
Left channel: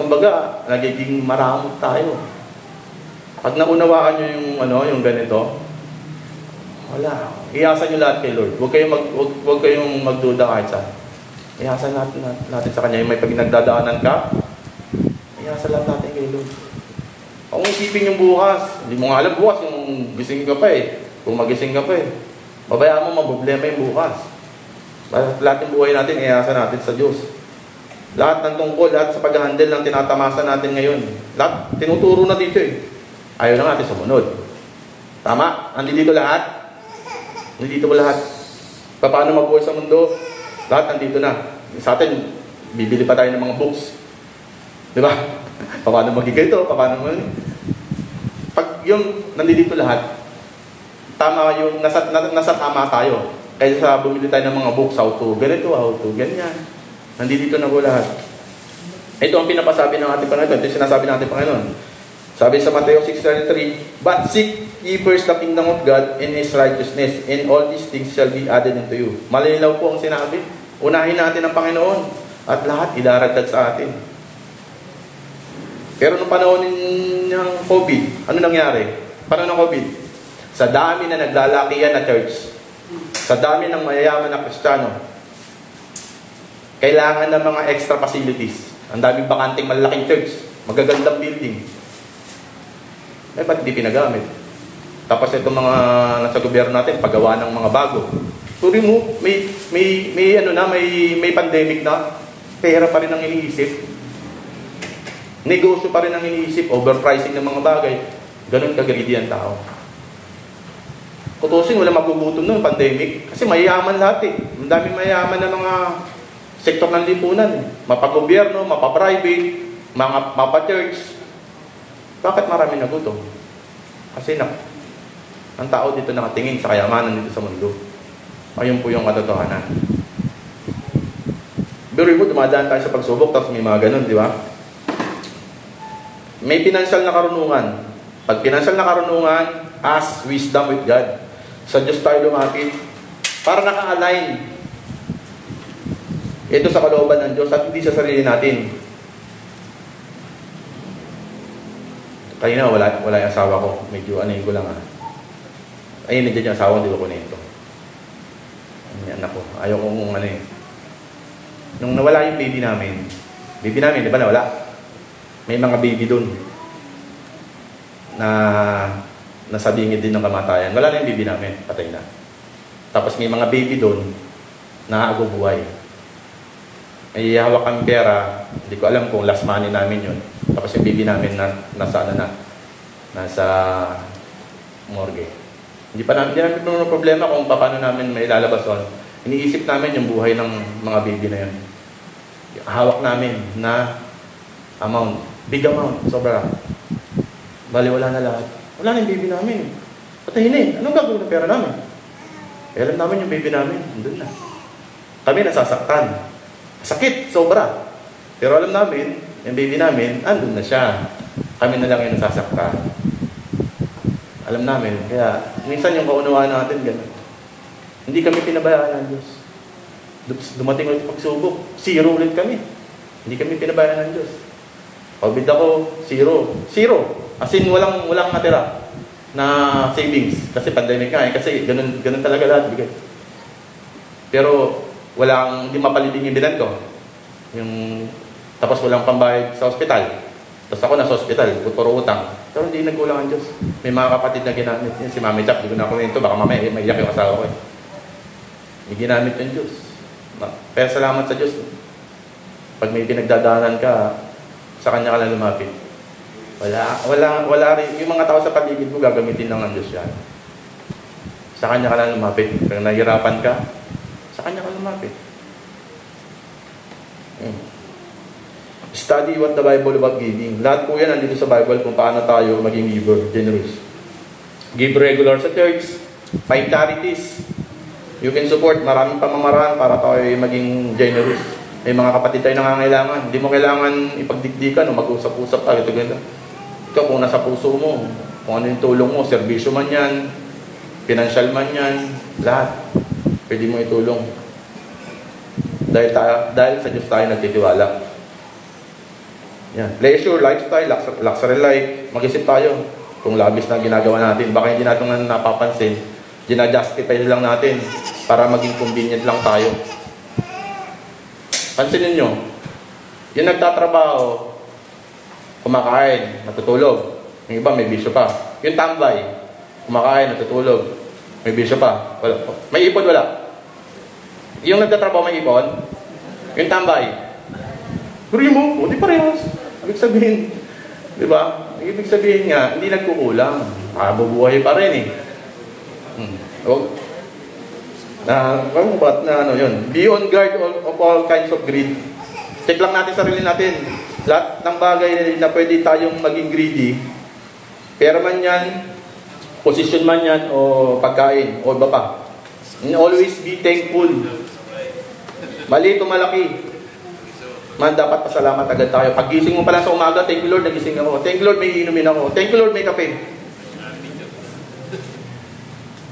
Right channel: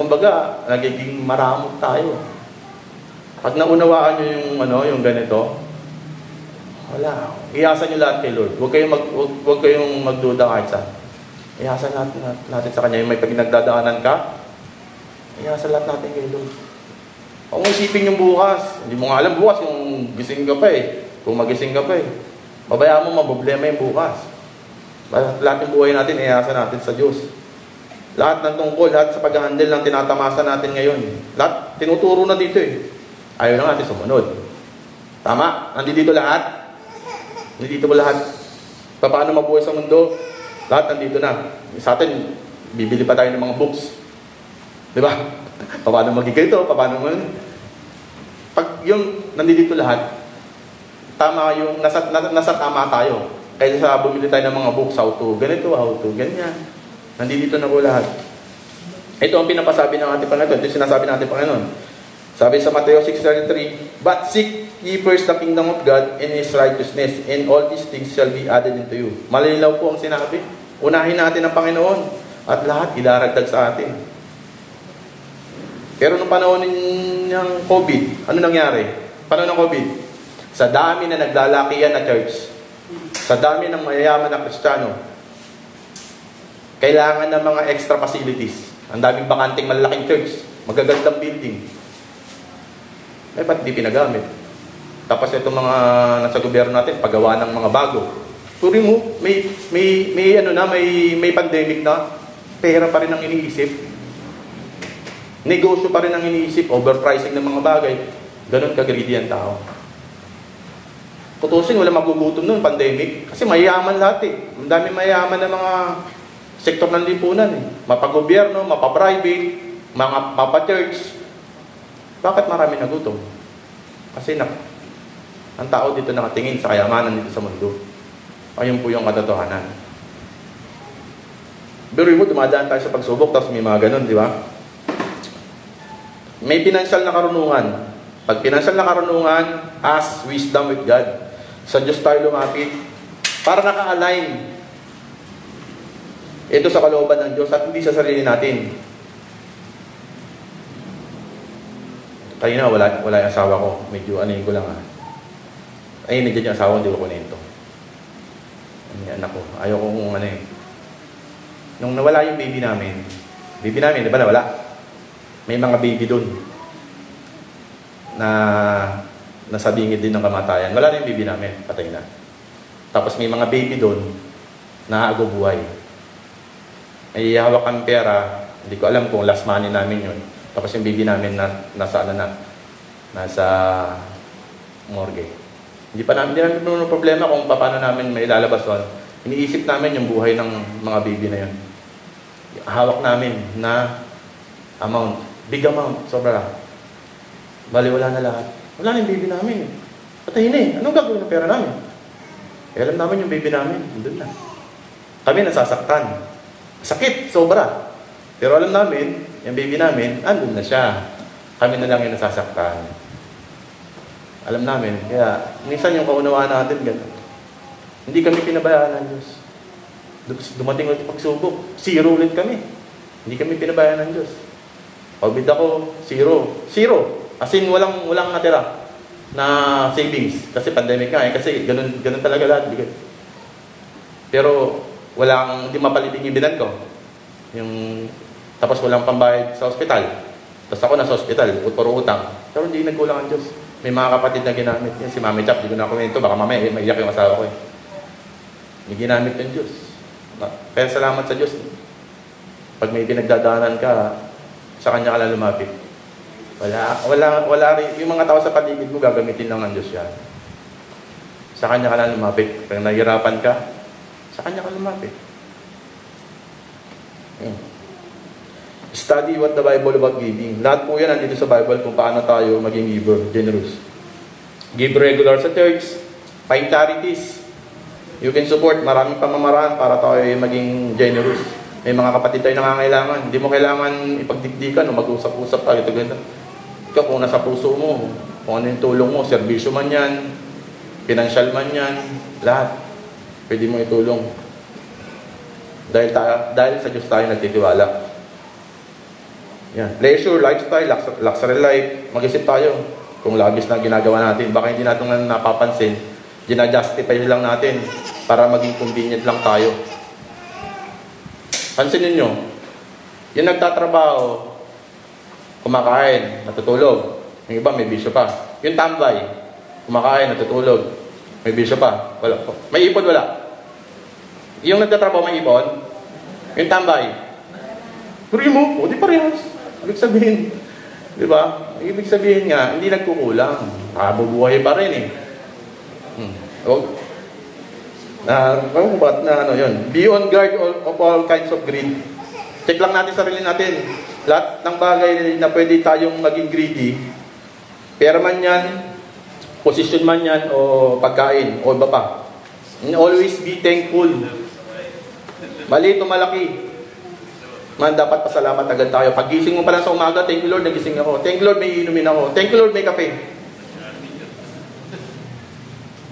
Kumbaga, nagiging maramot tayo. Pag naunawaan nyo yung ganito, wala. Iasa nyo lahat kay Lord. Huwag kayong magduda kahit saan. Iasa natin sa Kanya. Yung may pinagdadaanan ka, iasa lahat natin kay Lord. Kung isipin yung bukas, hindi mo nga alam bukas kung gising ka pa eh. Kung magising ka pa eh. Mabayaan mo, maproblema yung bukas. Lahat ng buhay natin, iasa natin sa Diyos. Lahat ng tungkol, lahat sa pag-handle ng tinatamasa natin ngayon. Lahat, tinuturo na dito eh. Ayaw na natin sumunod. Tama? Nandito lahat. Nandito ko lahat. Paano mabuhay sa mundo? Lahat nandito na. Sa atin, bibili pa tayo ng mga books. Di ba? Paano magigito? Paano pag yung nandito lahat, tama yung nasa tama tayo. Kaya sa bumili tayo ng mga books, how to ganito, how to ganyan. Nandito na ko lahat. Ito ang pinapasabi ng ating Panginoon. Ito yung sinasabi ng ating Panginoon. Sabi sa Mateo 6:33, but seek ye first the kingdom of God and His righteousness, and all these things shall be added unto you. Malinaw po ang sinabi. Unahin natin ang Panginoon at lahat idaragdag sa atin. Pero nung panahon ng COVID, ano nangyari? Panahon ng COVID, sa dami na naglalakihan na church, sa dami ng mayayaman na Kristiyano, kailangan ng mga extra facilities. Ang daming bakanting malaking church, magagandang building. Eh, ba't di pinagamit? Tapos itong mga nasa gobyerno natin, paggawa ng mga bago. Turi mo, may pandemic na, pera pa rin ang iniisip. Negosyo pa rin ang iniisip, overpricing ng mga bagay. Ganun ka-greedy ang tao. Kutusin, wala magugutom nun, pandemic. Kasi mayayaman lahat eh. Ang daming mayayaman na mga sektor ng lipunan eh. Mapagobyerno, mapaprivate, mapa-church. Bakit marami nagutom? Kasi ang tao dito nakatingin sa kayamanan dito sa mundo. Ayun po yung katotohanan. Pero mo, dumadaan tayo sa pagsubok, tapos may mga ganun, di ba? May financial na karunungan. Pag financial na karunungan, ask wisdom with God. Sa Diyos tayo lumapit para naka-align ito sa kalooban ng Diyos at hindi sa sarili natin. Tayo na, wala yung asawa ko. Medyo anayin ko lang. Ayun, nandiyan yung asawa, hindi ko kunin ito. Anak ko. Ayaw ko kung ano eh. Nung nawala yung baby namin, di ba nawala? May mga baby doon na nasabingid din ng kamatayan. Wala na yung baby namin, patay na. Tapos may mga baby doon na buhay. May hawak ang pera, hindi ko alam kung last money namin yun. Tapos yung baby namin nasa morgue. Hindi namin puno problema kung paano namin may lalabas doon. Iniisip namin yung buhay ng mga baby na yun. Hawak namin na amount, big amount, sobra lang. Bali, wala na lahat. Wala na yung baby namin. Patayin na eh. Anong gagawin ng pera namin? Pera namin yung baby namin. Andun na. Kami nasasaktan. Sakit, sobra. Pero alam namin, yung baby namin, andun na siya. Kami na lang yung nasasaktan. Alam namin. Kaya, minsan yung kaunawaan natin, gano'n. Hindi kami pinabayaan ng Diyos. Dumating ulit pagsubok. Zero ulit kami. Hindi kami pinabayaan ng Diyos. Pabid ako, zero. As in, walang natira na savings. Kasi pandemic nga eh. Kasi ganun talaga lahat. Pero, hindi mapalitin yung bilan ko. Tapos walang pambayad sa ospital. Tapos ako nasa ospital, puro utang. Pero hindi nagkulang ang Diyos. May mga kapatid na ginamit. Yan, si Mami Jack, hindi ko na ako nito. Baka mamaya maiyak yung asawa ko eh. May ginamit yung Diyos. Pero salamat sa Diyos. Pag may pinagdadaanan ka, sa Kanya ka lang lumapit. Wala rin. Yung mga tao sa paligid mo, gagamitin lang ng Diyos yan. Sa Kanya ka na lumapit. Kung nahihirapan ka, sa Kanya ka lumapit. Study what the Bible about giving. Lahat po yan nandito sa Bible kung paano tayo maging giver, generous. Give regular sa church. Find charities. You can support maraming pamamaraan para tayo maging generous. May mga kapatid tayo nangangailangan. Hindi mo kailangan ipagdikdikan o mag-usap-usap tayo. Ikaw kung nasa puso mo, kung ano yung tulong mo, serbisyo man yan, financial man yan, lahat. Pwede mo itulong. Dahil sa Diyos tayo nagtitiwala. Yan. Leisure, lifestyle, luxury life. Mag-isip tayo kung labis na ginagawa natin. Baka hindi natin napapansin. Gina-justify lang natin para maging convenient lang tayo. Pansinin nyo, yung nagtatrabaho, kumakain, natutulog. Yung iba may bisyo pa. Yung tambay, kumakain, natutulog. May bisyo pa. Wala. May ipon, wala. Yung nagtatrabaho, may ipon. Yung tambay, puri mo, o di parehas. Ibig sabihin, di ba? Ibig sabihin nga, hindi nagkukulang. Bubuhay pa rin eh. Be on guard of all kinds of greed. Check lang natin sarili natin. Lahat ng bagay na pwede tayong maging greedy, pera man yan, position man yan, o pagkain, o iba pa. And always be thankful. Maliit o malaki, man dapat pasalamat agad tayo. Pagising mo pa lang sa umaga, thank you Lord, nagising ako. Thank you Lord, may inumin ako. Thank you Lord, may kape.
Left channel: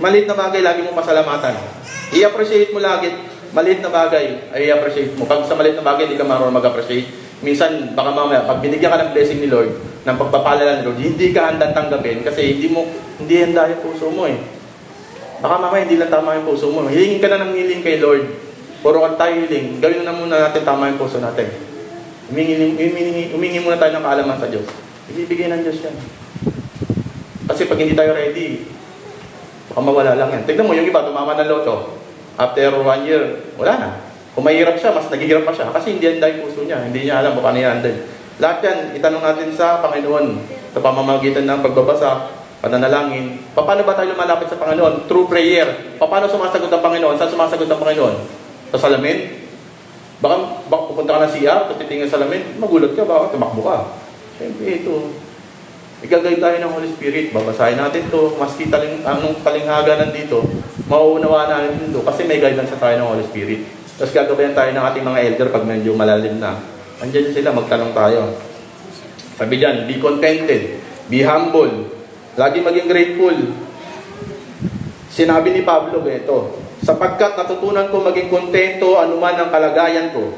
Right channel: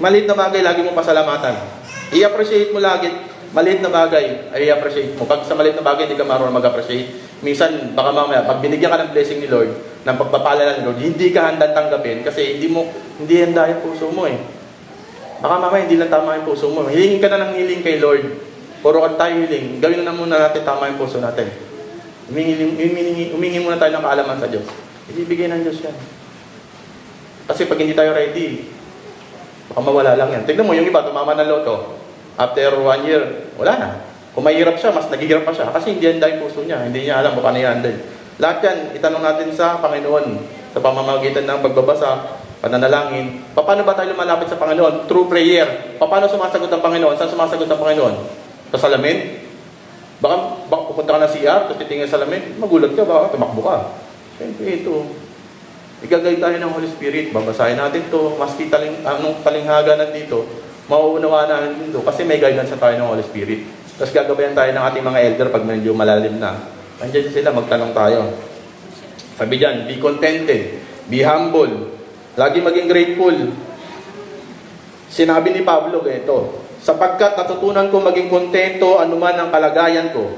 Maliit na bagay, lagi mong pasalamatan. I-appreciate mo lagi. Maliit na bagay, ay i-appreciate mo. Pag sa maliit na bagay, hindi ka marunong mag-appreciate. Minsan, baka mamaya, pag binigyan ka ng blessing ni Lord, ng pagpapala ng Lord, hindi ka handang tanggapin kasi hindi handa yung puso mo eh. Baka mamaya, hindi lang tama yung puso mo. Hiling ka na ng hiling kay Lord. Puro at tayo hiling. Gawin na muna natin tama yung puso natin. Humingi muna tayo ng kaalaman sa Diyos. Ibibigay ng Diyos yan. Kasi pag hindi tayo ready, baka mawala lang yan. Tignan mo, yung iba, tumama ng loto. After 1 year, wala na. Kung mahirap siya, mas naghihirap pa siya. Kasi hindi handa yung puso niya. Hindi niya alam kung paano i-handle. Lahat yan, itanong natin sa Panginoon. Sa pamamagitan ng pagbabasa, pananalangin. Paano ba tayo lumalapit sa Panginoon? Through prayer. Paano sumasagot ang Panginoon? Saan sumasagot ang Panginoon? Sa salamin? Baka pupunta ka na siya, tapos titingin sa salamin, magulat ka, baka tumakbo ka. Siyempre ito. Igagay tayo ng Holy Spirit. Babasahin natin ito. Maski talinghaga nandito, mauunawa natin ito. Kasi may guidance tayo ng Holy Spirit. Tapos gagabayan tayo ng ating mga elder pag medyo malalim na. Andiyan sila, magtanong tayo. Sabi dyan, be contented. Be humble. Lagi maging grateful. Sinabi ni Pablo, ito, sapagkat natutunan ko maging kontento anuman ang kalagayan ko.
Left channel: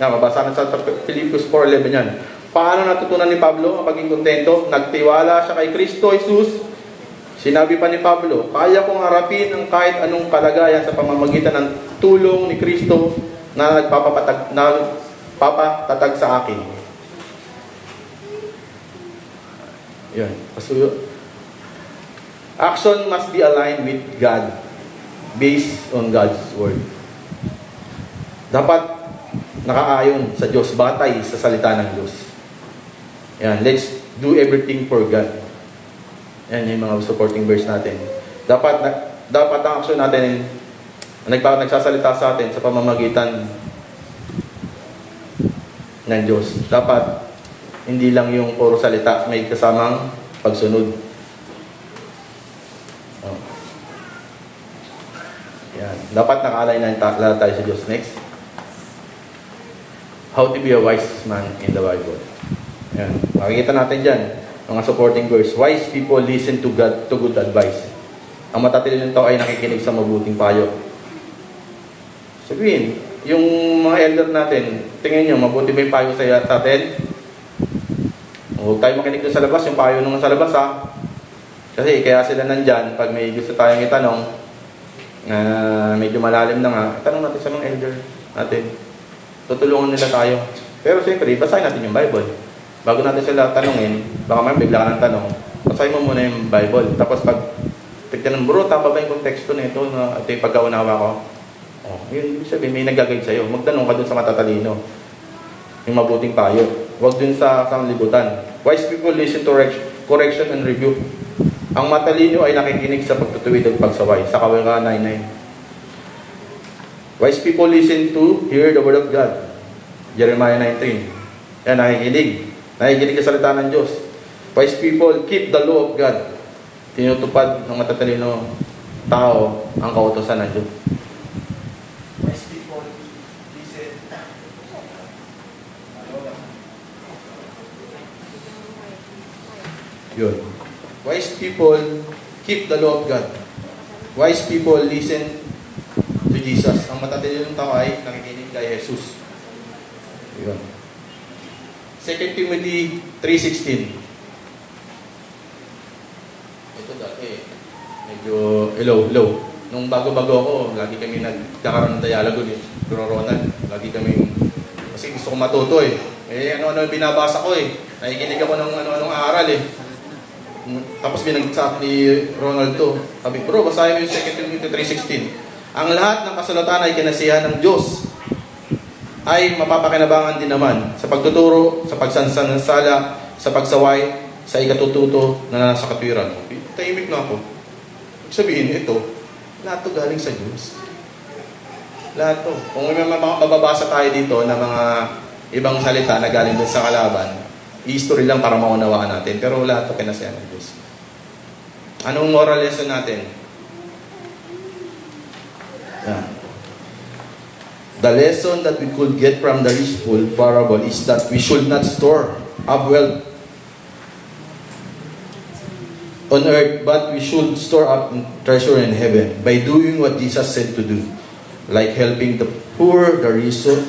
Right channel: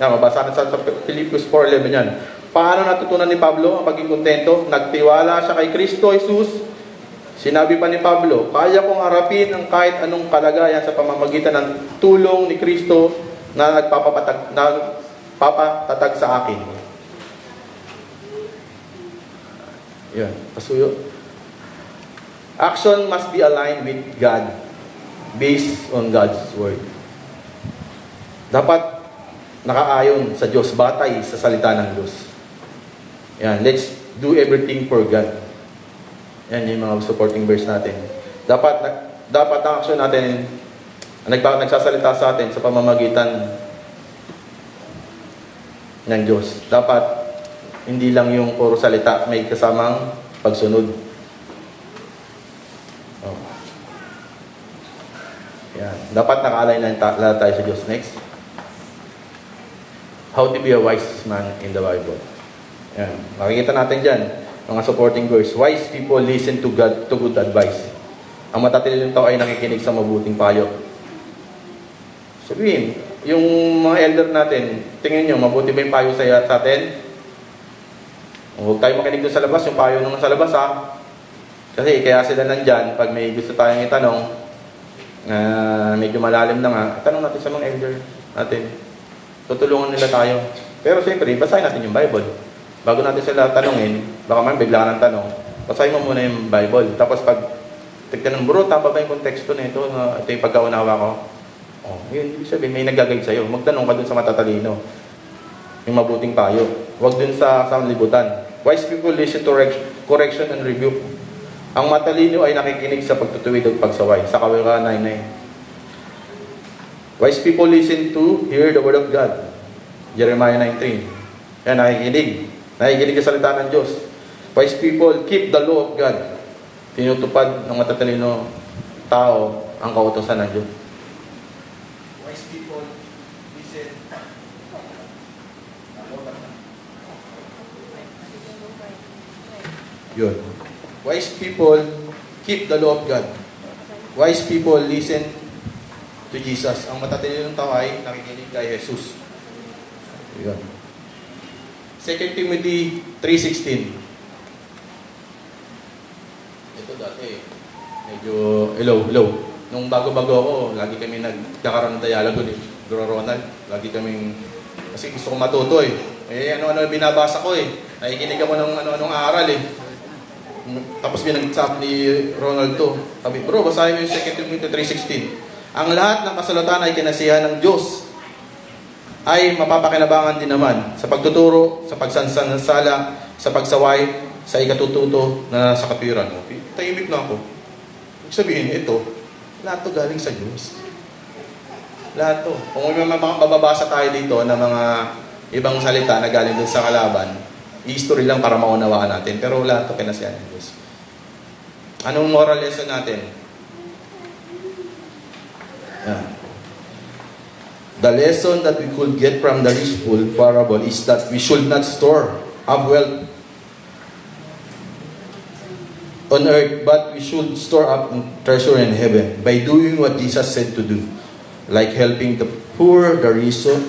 Mabasa na sa Philippians 4:11 yan. Paano natutunan ni Pablo ang maging kontento? Nagtiwala siya kay Kristo Jesus. Sinabi pa ni Pablo, kaya kong harapin ang kahit anong kalagayan sa pamamagitan ng tulong ni Kristo na nagpapatatag sa akin. Yan. Action must be aligned with God, based on God's Word. Dapat nakaayon sa Diyos, batay sa salita ng Diyos. Yan, let's do everything for God. Yan yung mga supporting verse natin. Dapat ang action natin nagsasalita sa atin sa pamamagitan ng Diyos. Dapat hindi lang yung puro salita, may kasamang pagsunod. Yan. Dapat naka-align na tayo sa Diyos. Next. How to be a wise man in the Bible. Yan. Nakikita natin dyan, mga supporting verse. Wise people listen to good advice. Ang matatalino tao ay nakikinig sa mabuting payo. Sabihin, yung mga elder natin, tingin nyo, mabuti ba yung payo sa atin? Huwag tayo makinig doon sa labas, yung payo nung sa labas ha. Kasi kaya sila nandyan, pag may gusto tayong itanong, medyo malalim na nga, tanong natin sa mga elder natin. Tutulungan nila tayo. Pero siyempre, basahin natin yung Bible. Bago natin sila tanongin, baka may bigla ng tanong, basahin mo muna yung Bible. Tapos pag tignan mo, bro, tama ba yung konteksto na ito at yung pagkaunawa ko? Yun, sabihin, may nag-guide sa'yo. Magtanong ka dun sa matatalino. Yung mabuting payo. Huwag din sa sanglibutan. Wise people listen to correction and rebuke. Ang matalino ay nakikinig sa pagtutuwid at pagsaway. Sa Kawikaan 9:9. Wise people listen to hear the word of God. Jeremiah 19. Yan, nakikinig. Nakikinig sa salita ng Diyos. Wise people keep the law of God. Tinutupad ng matatalino tao ang kautosan ng Diyos. Wise people listen. Yun. Wise people keep the law of God. Wise people listen to Jesus. Ang matatalino tao ay nakikinig kay Jesus. Yun. 2 Timothy 3:16. Ito dati, medyo hello. Nung bago-bago ako, lagi kami nagkakaroon ng dialogo ni Bro Ronald. Lagi kami, kasi gusto ko matuto eh. Ano binabasa ko eh. Nakikinig ako ng anong aral eh. Tapos binagsak ni Ronald to. Sabi, bro, basahin mo yung 2 Timothy 3:16. Ang lahat ng kasulatan ay kinasiyahan ng Diyos, ay mapapakinabangan din naman sa pagtuturo, sa pagsansansala, sa pagsaway, sa ikatututo na sa katwiran. Tahimik na ako. Ibig sabihin, ito, lahat to galing sa Diyos. Lahat to. Kung may mga mababasa tayo dito na mga ibang salita na galing doon sa kalaban, history lang para maunawaan natin. Pero lahat to kinasiyahan ng Diyos. Anong moral lesson natin? Yan. The lesson that we could get from the rich fool parable is that we should not store up wealth on earth, but we should store up treasure in heaven by doing what Jesus said to do, like helping the poor. The reason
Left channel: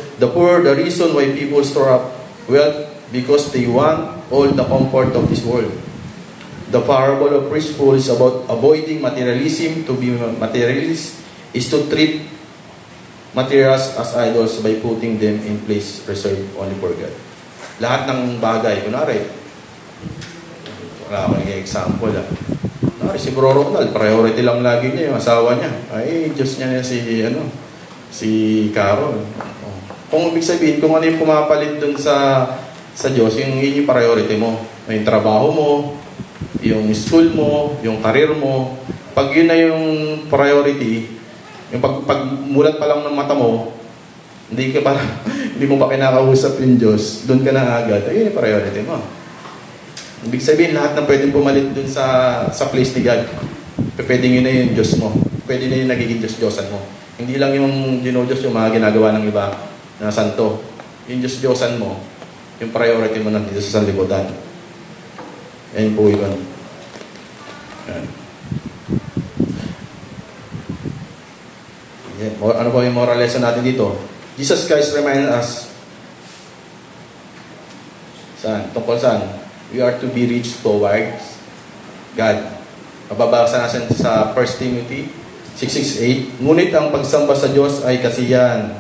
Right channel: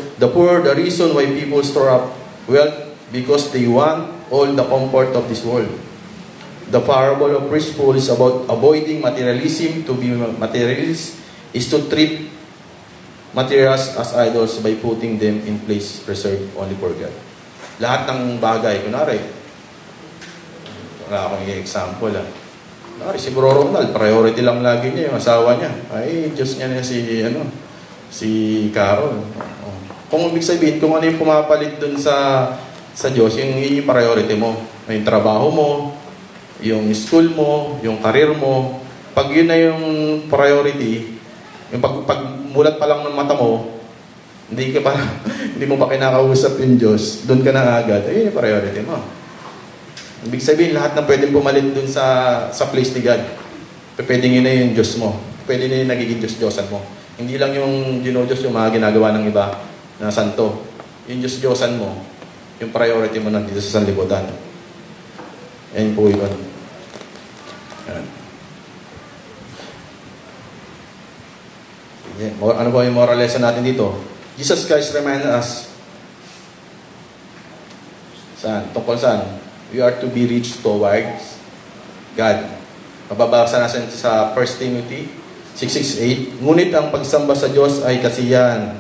why people store up wealth because they want all the comfort of this world. The parable of rich fool is about avoiding materialism. To be materialist is to treat materials as idols by putting them in place reserved only for God. Lahat ng bagay, kunwari, wala akong example kunwari si Bro Ronald, priority lang lagi niya yung asawa niya. Ay, Diyos niya na si Carol. Kung ibig sabihin, kung ano yung pumapalit dun sa Diyos, yun yung priority mo. Yung trabaho mo, yung school mo, yung career mo. Pag yun na yung priority, yung pag mulat pa lang ng mata mo, hindi mo pa kinakausap yung Diyos, doon ka na agad, ayun yung priority mo. Ibig sabihin, lahat na pwedeng pumalit dun sa place ni God. Pwedeng yun na yung Diyos mo. Pwede na yung nagiging Diyos-Diyosan mo. Hindi lang yung Diyos yung mga ginagawa ng iba na santo. Yung Diyos-Diyosan mo, yung priority mo nandito sa sanlibutan. Yan po yun. Yan. Ano ba yung moral lesson natin dito? Jesus Christ remind us tungkol saan? We are to be rich towards God. Mababasa natin sa 1 Timothy 6:8. Ngunit ang pagsamba sa Diyos ay kasiyahan,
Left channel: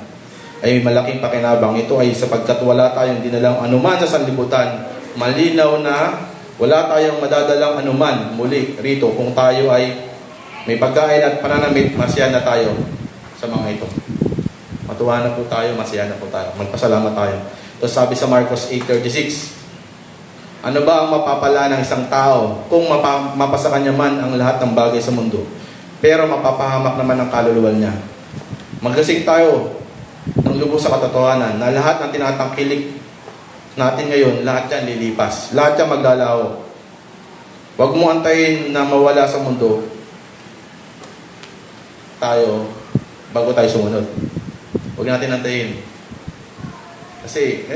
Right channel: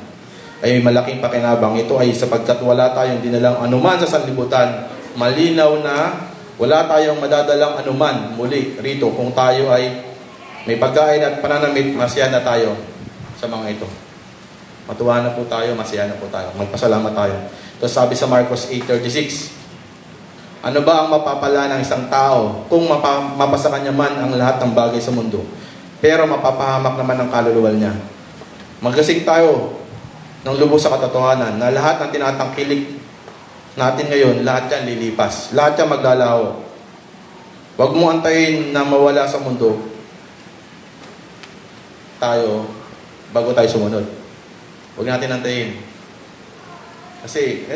ay malaking pakinabang. Ito ay sapagkat wala tayong dinalang anuman sa sanlibutan. Malinaw na wala tayong madadalang anuman muli rito kung tayo ay may pagkain at pananamit, masaya na tayo sa mga ito. Matuwa na po tayo, masaya na po tayo. Magpasalamat tayo. Tapos sabi sa Marcos 8:36, ano ba ang mapapala ng isang tao kung mapasa kanya man ang lahat ng bagay sa mundo, pero mapapahamak naman ang kaluluwa niya? Magkasing tayo ng lubos sa katotohanan na lahat ng tinatangkilik natin ngayon, lahat yan lilipas. Lahat yan maglalaho. Huwag mo antayin na mawala sa mundo tayo bago tayo sumunod. Huwag natin antayin. Kasi,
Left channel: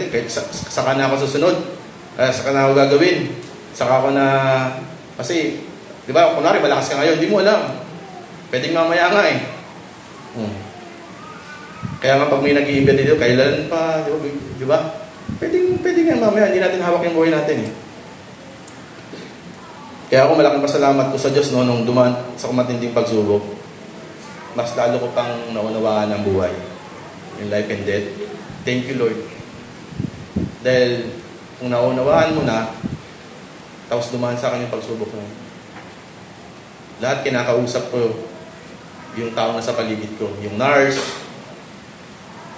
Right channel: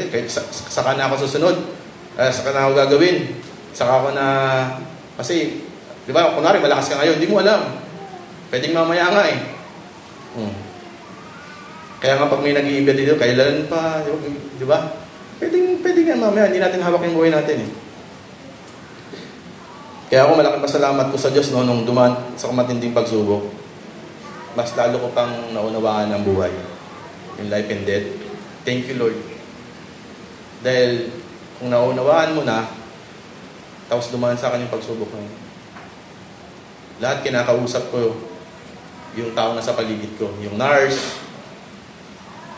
saka na ako susunod. Saka na ako gagawin. Saka ako na... Kasi, di ba, kunwari, malakas ka ngayon, hindi mo alam. Pwedeng mamaya nga eh. Kaya nga pag may nag-iimbit dito, kailan pa, di ba? Pwedeng nga mamaya, hindi natin hawak yung buhay natin eh. Kaya ako malaking pasalamat ko sa Diyos nung dumaan sa matinding pagsubok. Mas lalo ko pang naunawaan ang buhay. In life and death. Thank you, Lord. Dahil kung naunawaan mo na, tapos dumaan sa akin yung pagsubok mo, lahat kinakausap ko yung tao na sa paligid ko. Yung nurse,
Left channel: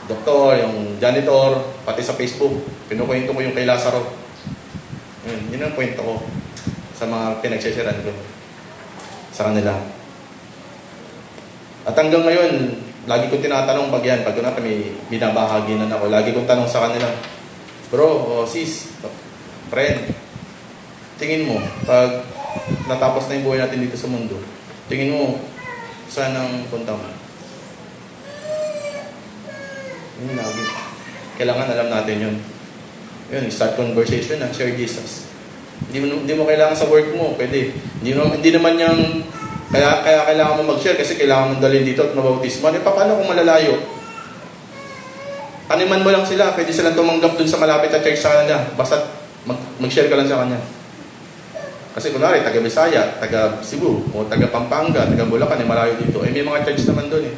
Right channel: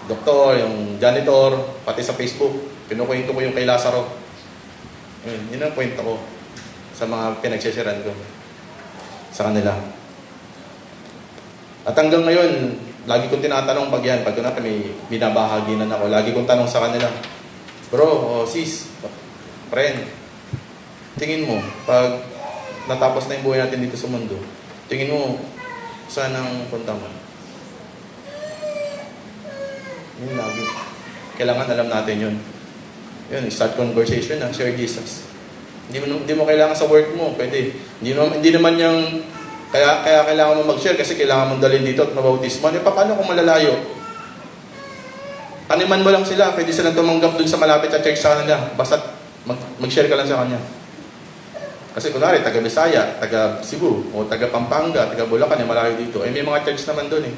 doktor, yung janitor, pati sa Facebook. Pinukwento ko yung kay Lazaro. Yun ang kwento ko sa mga pinagsisiran ko sa kanila. At hanggang ngayon, lagi ko tinatanong pag yan, pag natin may binabahaginan ako, lagi kong tanong sa kanila, bro, sis, friend, tingin mo, pag natapos na yung buhay natin dito sa mundo, tingin mo, saan ang punta mo? Yun lagi. Kailangan alam natin yun. Yun, start conversation na, share Jesus. Hindi mo kailangan sa work mo, pwede. Hindi naman yung, kaya kailangan mo mag-share kasi kailangan mong dalhin dito at mabautismo. Paano kung malalayo? Taniman mo lang sila, pwede silang tumanggap dun sa malapit na church sa kanila. Basta mag-share ka lang sa kanya. Kasi kunwari, taga Bisaya, taga Cebu, o taga Pampanga, taga Bulacan, malayo dito. May mga church naman dun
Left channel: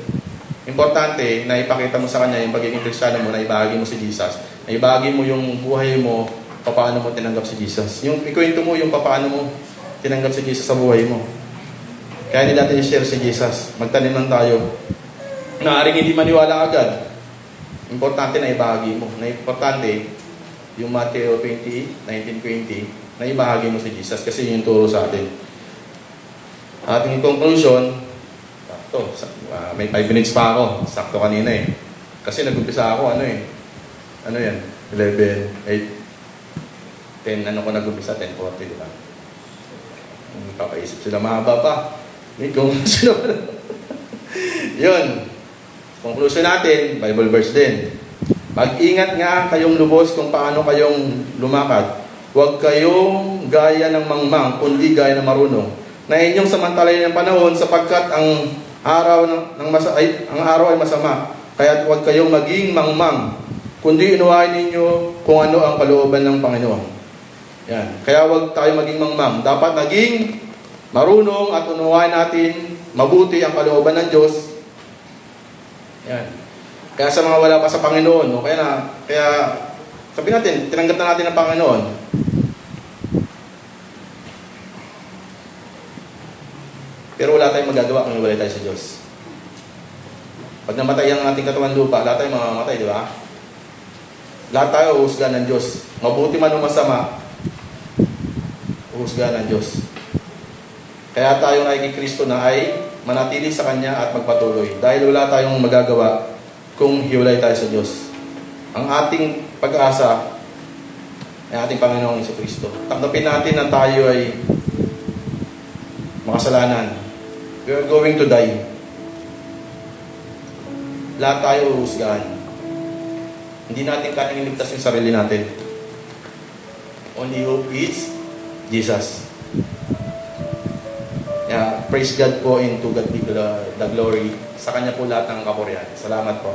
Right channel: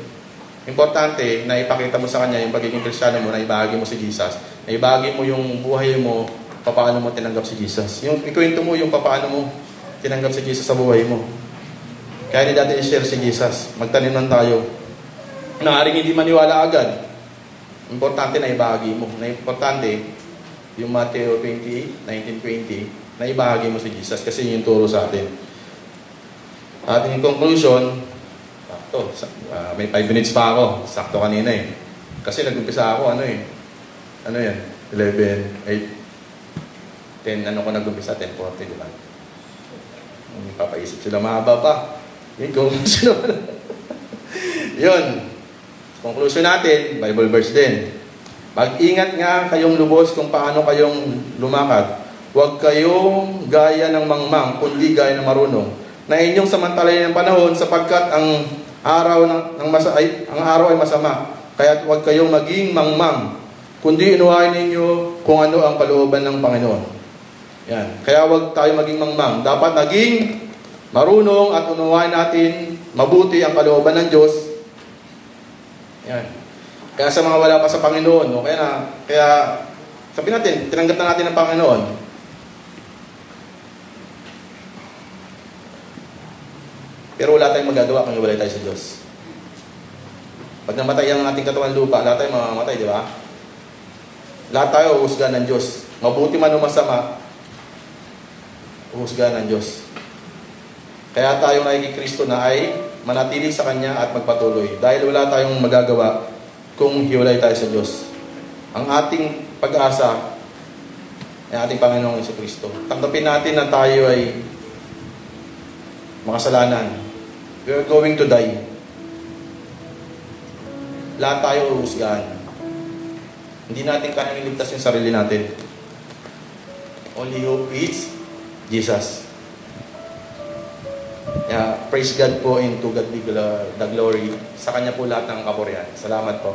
Importante na ipakita mo sa kanya yung pagiging Kristiyano mo, na ibahagi mo si Jesus. Na ibahagi mo yung buhay mo, paano mo tinanggap si Jesus. Yung ikwento mo yung paano mo tinanggap si Jesus sa buhay mo. Kaya hindi natin i-share si Jesus. Magtanim lang tayo. Naaring hindi maniwala agad. Importante na ibahagi mo. Na importante, yung Matthew 20, 19-20, na ibahagi mo si Jesus kasi yung turo sa atin. Ating conclusion, may 5 minutes pa ako. Sakto kanina Kasi nag-umpisa ako, ano yan? 11, 8, 10, ko nag-umpisa? 10:40, diba? Papaisip sila, mahaba pa. May conclusion. Yun. Conclusion natin, Bible verse din. Mag-ingat nga kayong lubos kung paano kayong lumakad. Huwag kayong gaya ng mangmang, kundi gaya ng marunong. Na inyong samantalayan ng panahon sapagkat ang araw ay masama. Kaya huwag kayong maging mangmang, kundi unawain ninyo kung ano ang kalooban ng Panginoon. Yan. Kaya huwag tayo maging mangmang. Dapat naging marunong at unawain natin mabuti ang kalooban ng Diyos. Yan. Kaya sa mga wala pa sa Panginoon, kaya sabihin natin, tinanggap na natin ang Panginoon. Pero wala tayong magagawa kung wala tayo sa Diyos. Pag namatay ang ating katawan lupa, lahat tayo mamamatay, di ba? Lahat tayo uhusgahan ng Diyos. Mabuti man o masama, uhusgahan ng Diyos. Kaya tayo ay kay Kristo na ay manatili sa Kanya at magpatuloy. Dahil wala tayong magagawa kung hiwalay tayo sa Diyos. Ang ating pag-asa ay ating Panginoong Hesus Kristo. Tanggapin natin na tayo ay makasalanan. We are going to die. Lahat tayo uhusgahan. Hindi natin kayang iligtas yung sarili natin. Only hope is Jesus. Praise God po, and to God be the glory. Sa Kanya po lahat ng kapurihan. Salamat po.